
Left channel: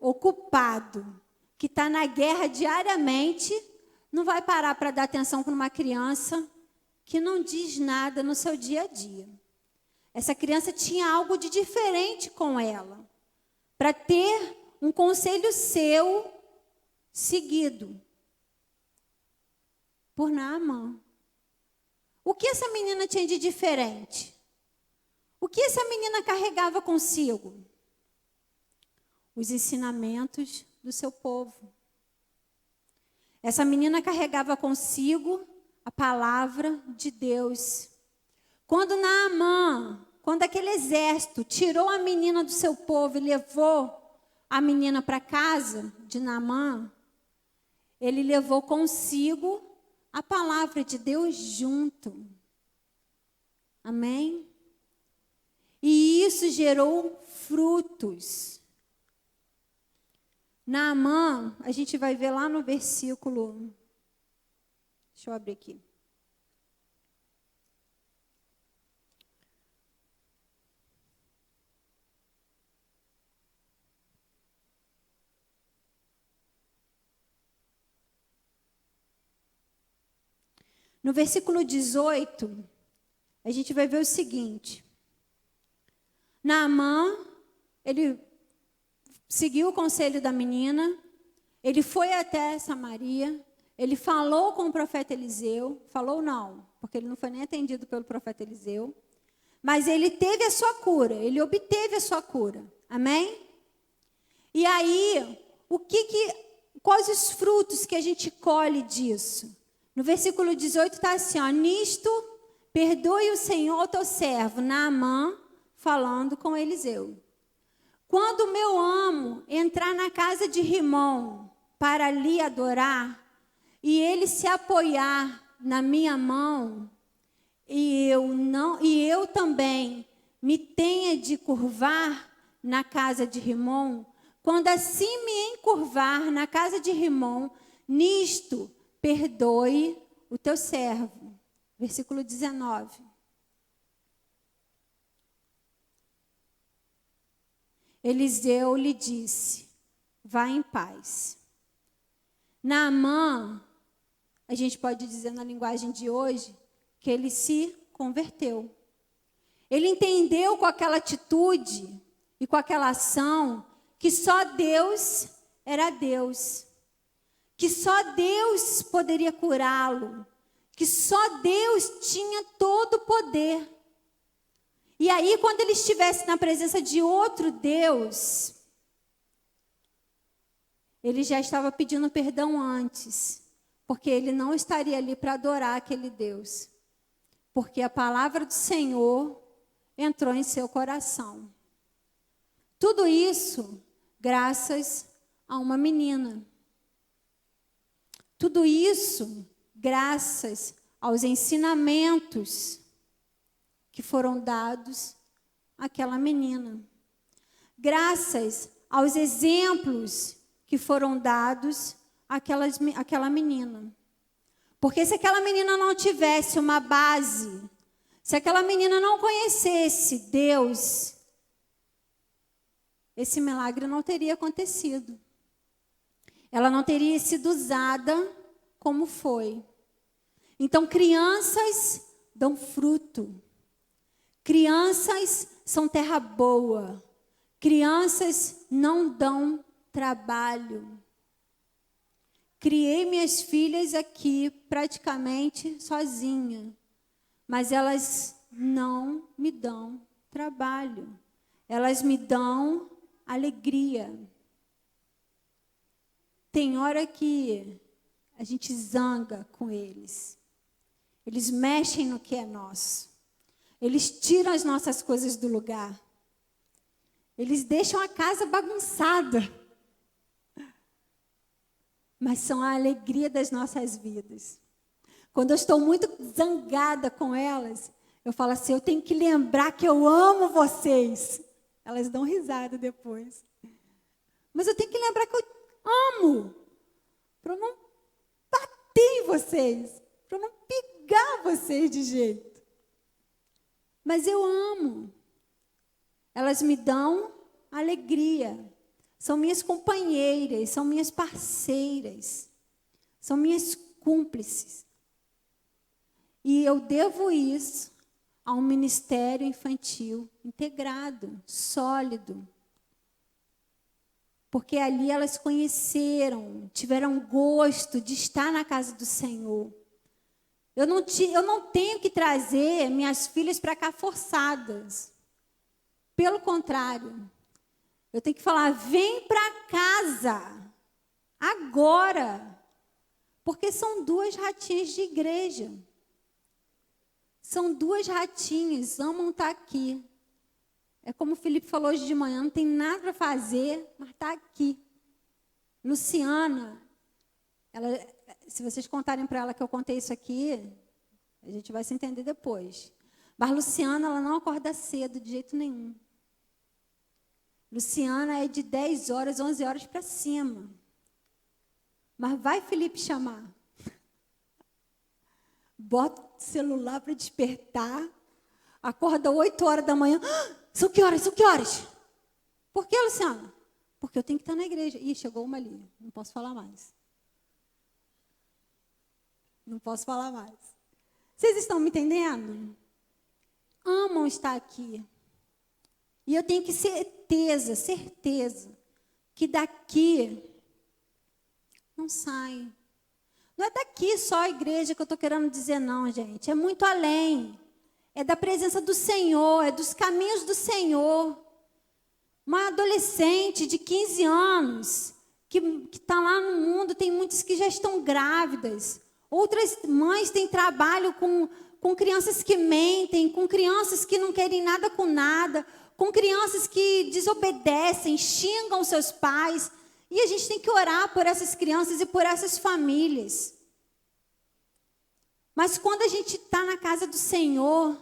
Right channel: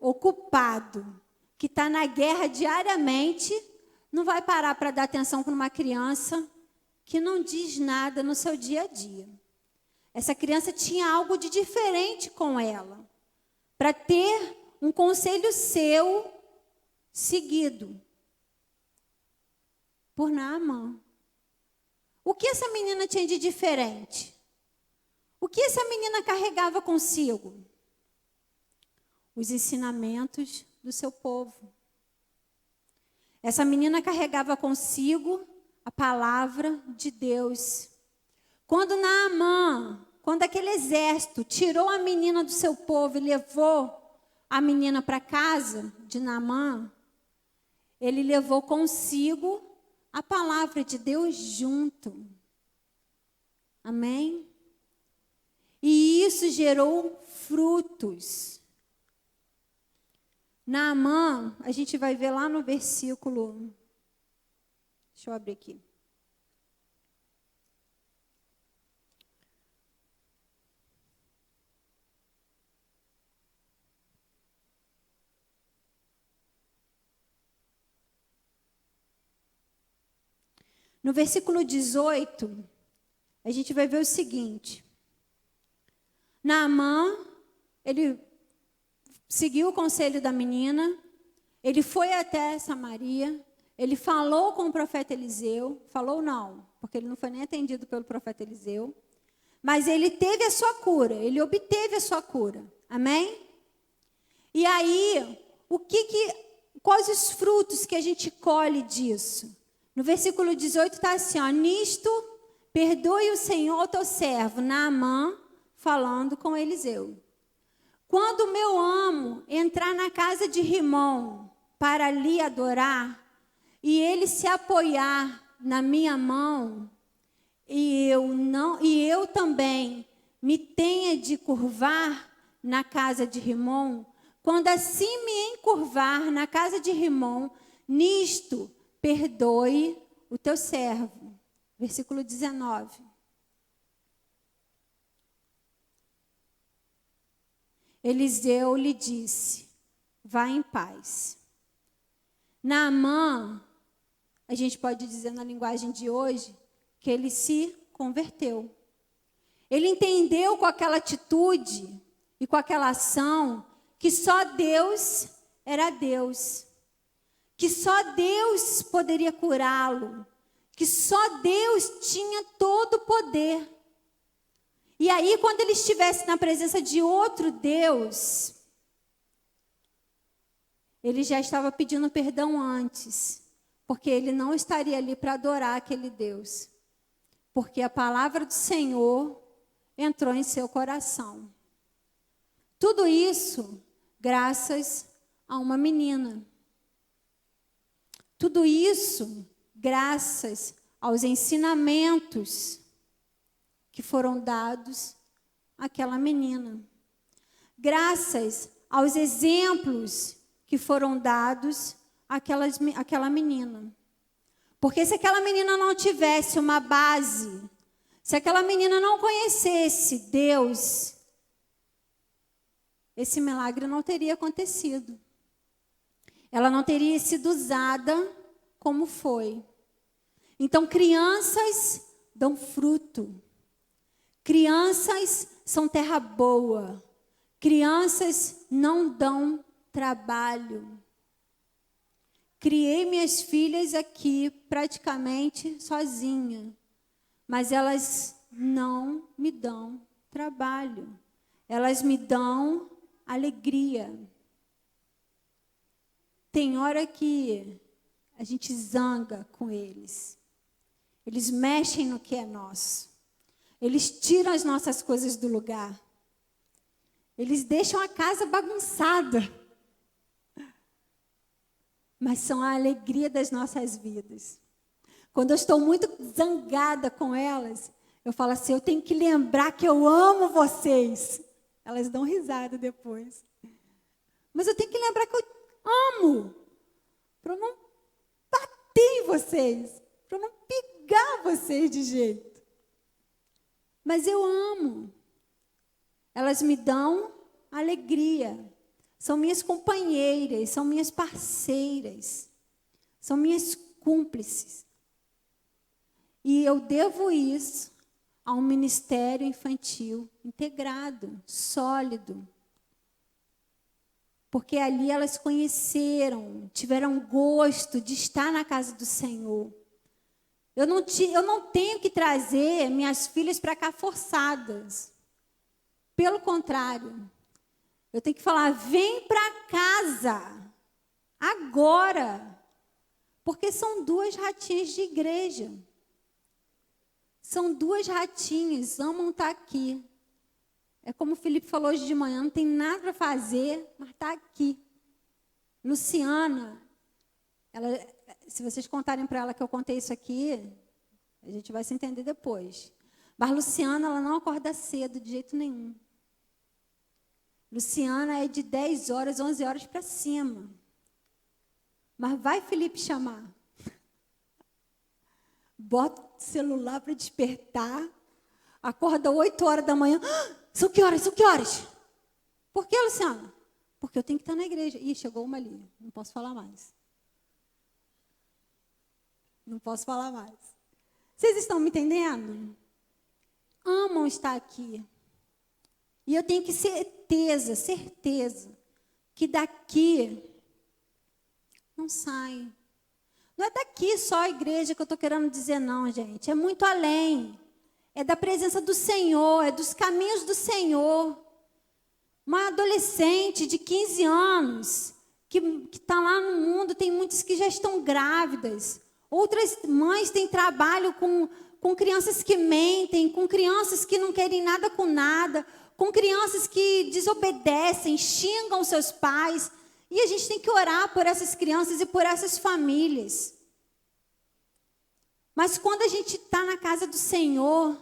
ocupado, que está na guerra diariamente, não vai parar para dar atenção para uma criança que não diz nada no seu dia a dia. Essa criança tinha algo de diferente com ela, para ter um conselho seu seguido por Naamã. O que essa menina tinha de diferente? O que essa menina carregava consigo? Os ensinamentos do seu povo. Essa menina carregava consigo a palavra de Deus. Quando Naamã, quando aquele exército tirou a menina do seu povo e levou a menina para casa de Naamã, ele levou consigo a palavra de Deus junto. Amém? E isso gerou frutos. Naamã, a gente vai ver lá no versículo. Deixa eu abrir aqui. No versículo 18, a gente vai ver o seguinte. Naamã, ele seguiu o conselho da menina, ele foi até Samaria, ele falou com o profeta Eliseu, falou não, porque ele não foi nem atendido pelo profeta Eliseu, mas ele teve a sua cura, ele obteve a sua cura, amém? E aí, quais os frutos que a gente colhe disso? No versículo 18 está assim, ó, nisto perdoe o Senhor ao teu servo, Naamã, falando com Eliseu. Quando o meu amo entrar na casa de Rimom para ali adorar, e ele se apoiar na minha mão, e eu também me tenha de curvar na casa de Rimom, quando assim me encurvar na casa de Rimom, nisto perdoe o teu servo. Versículo 19. Eliseu lhe disse, vá em paz. Naamã, a gente pode dizer na linguagem de hoje, que ele se converteu. Ele entendeu com aquela atitude e com aquela ação que só Deus era Deus. Que só Deus poderia curá-lo. Que só Deus tinha todo o poder. E aí, quando ele estivesse na presença de outro Deus, ele já estava pedindo perdão antes, porque ele não estaria ali para adorar aquele Deus, porque a palavra do Senhor entrou em seu coração. Tudo isso graças a uma menina. Tudo isso graças aos ensinamentos que foram dados àquela menina. Graças aos exemplos que foram dados àquela menina. Porque se aquela menina não tivesse uma base, se aquela menina não conhecesse Deus, esse milagre não teria acontecido. Ela não teria sido usada como foi. Então, crianças dão fruto. Crianças são terra boa. Crianças não dão trabalho. Criei minhas filhas aqui praticamente sozinha, mas elas não me dão trabalho. Elas me dão alegria. Tem hora que a gente zanga com eles. Eles mexem no que é nosso. Eles tiram as nossas coisas do lugar. Eles deixam a casa bagunçada. Mas são a alegria das nossas vidas. Quando eu estou muito zangada com elas, eu falo assim, eu tenho que lembrar que eu amo vocês. Elas dão risada depois. Mas eu tenho que lembrar que eu amo. Para eu não bater em vocês. Para eu não pegar vocês de jeito. Mas eu amo. Elas me dão alegria. São minhas companheiras, são minhas parceiras, são minhas cúmplices. E eu devo isso a um ministério infantil integrado, sólido. Porque ali elas conheceram, tiveram gosto de estar na casa do Senhor. Eu não tenho que trazer minhas filhas para cá forçadas. Pelo contrário, eu tenho que falar, vem para casa, agora. Porque são duas ratinhas de igreja. São duas ratinhas, amam estar aqui. É como o Felipe falou hoje de manhã, não tem nada para fazer, mas está aqui. Luciana, se vocês contarem para ela que eu contei isso aqui, a gente vai se entender depois. Mas Luciana, ela não acorda cedo de jeito nenhum. Luciana é de 10 horas, 11 horas para cima. Mas vai Felipe chamar. Bota o celular para despertar. Acorda 8 horas da manhã. São que horas? São que horas? Por que, Luciana? Porque eu tenho que estar na igreja. Ih, chegou uma ali. Não posso falar mais. Não posso falar mais. Vocês estão me entendendo? Amam estar aqui. E eu tenho que certeza, que daqui não sai. Não é daqui só a igreja que eu estou querendo dizer, não, gente. É muito além. É da presença do Senhor, é dos caminhos do Senhor. Uma adolescente de 15 anos, que está lá no mundo, tem muitas que já estão grávidas. Outras mães têm trabalho com crianças que mentem, com crianças que não querem nada com nada, com crianças que desobedecem, xingam seus pais. E a gente tem que orar por essas crianças e por essas famílias. Mas quando a gente está na casa do Senhor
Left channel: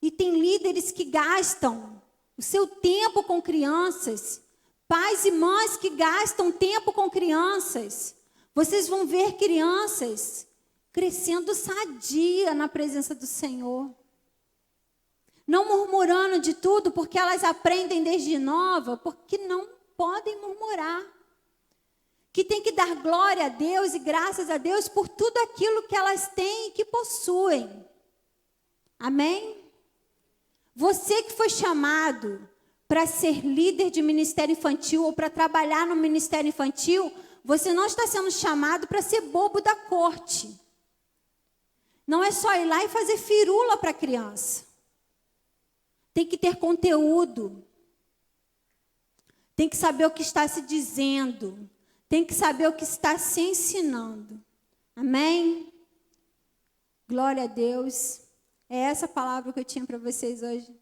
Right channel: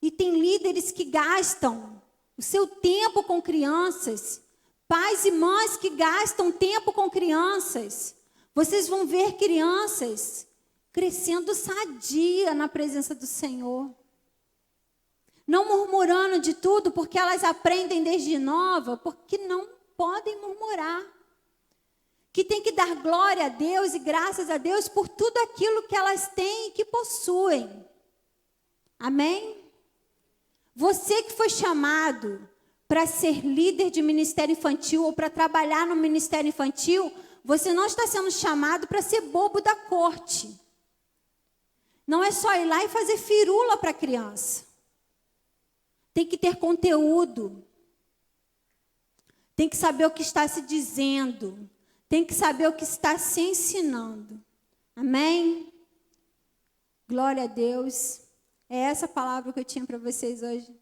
e tem líderes que gastam o seu tempo com crianças, pais e mães que gastam tempo com crianças, vocês vão ver crianças crescendo sadia na presença do Senhor. Não murmurando de tudo, porque elas aprendem desde nova, porque não podem murmurar. Que tem que dar glória a Deus e graças a Deus por tudo aquilo que elas têm e que possuem. Amém? Você que foi chamado para ser líder de ministério infantil ou para trabalhar no ministério infantil, você não está sendo chamado para ser bobo da corte. Não é só ir lá e fazer firula para a criança. Tem que ter conteúdo. Tem que saber o que está se dizendo. Tem que saber o que está se ensinando. Amém? Glória a Deus. É essa palavra que eu tinha para vocês hoje,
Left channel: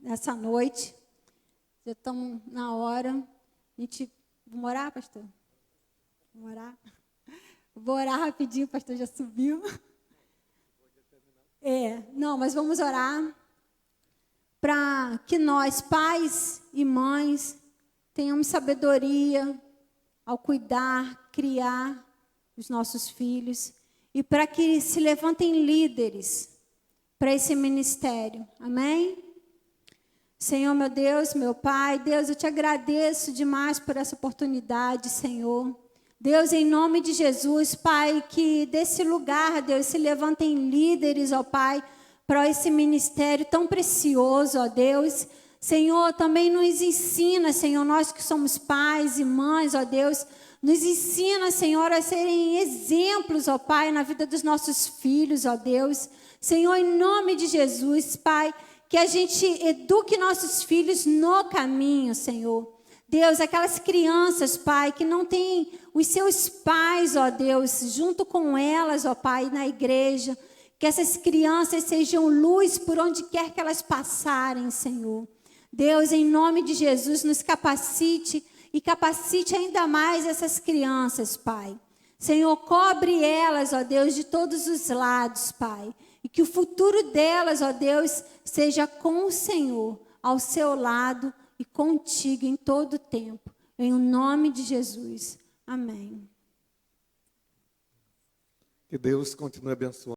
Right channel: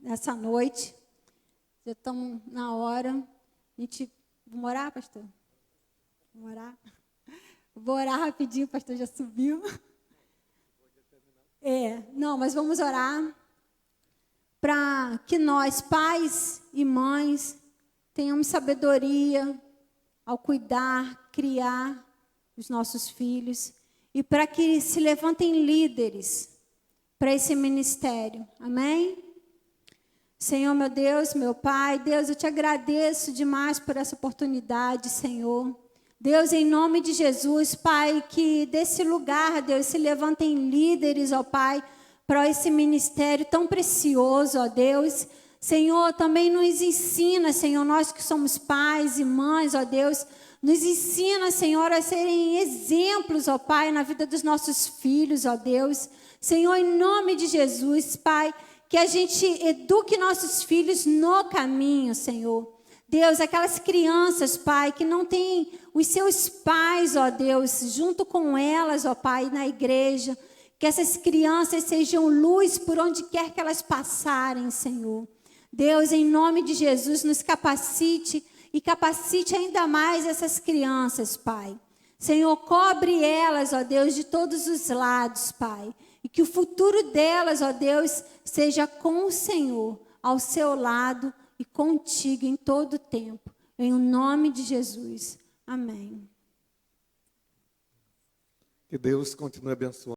nessa noite. Já estamos na hora. Vamos orar, pastor? Vamos orar? Vou orar rapidinho, o pastor já subiu. Não, mas vamos orar para que nós, pais e mães, tenhamos sabedoria ao cuidar, criar os nossos filhos e para que se levantem líderes para esse ministério. Amém? Senhor, meu Deus, meu Pai, Deus, eu te agradeço demais por essa oportunidade, Senhor. Deus, em nome de Jesus, Pai, que desse lugar, Deus, se levantem líderes, ó Pai, para esse ministério tão precioso, ó Deus. Senhor, também nos ensina, Senhor, nós que somos pais e mães, ó Deus, nos ensina, Senhor, a serem exemplos, ó Pai, na vida dos nossos filhos, ó Deus. Senhor, em nome de Jesus, Pai, que a gente eduque nossos filhos no caminho, Senhor. Deus, aquelas crianças, Pai, que não têm os seus pais, ó Deus, junto com elas, ó Pai, na igreja, que essas crianças sejam luz por onde quer que elas passarem, Senhor. Deus, em nome de Jesus, nos capacite e capacite ainda mais essas crianças, Pai. Senhor, cobre elas, ó Deus, de todos os lados, Pai. E que o futuro delas, ó Deus, seja com o Senhor, ao seu lado e contigo em todo o tempo. Em nome de Jesus. Amém. Que Deus continue abençoando.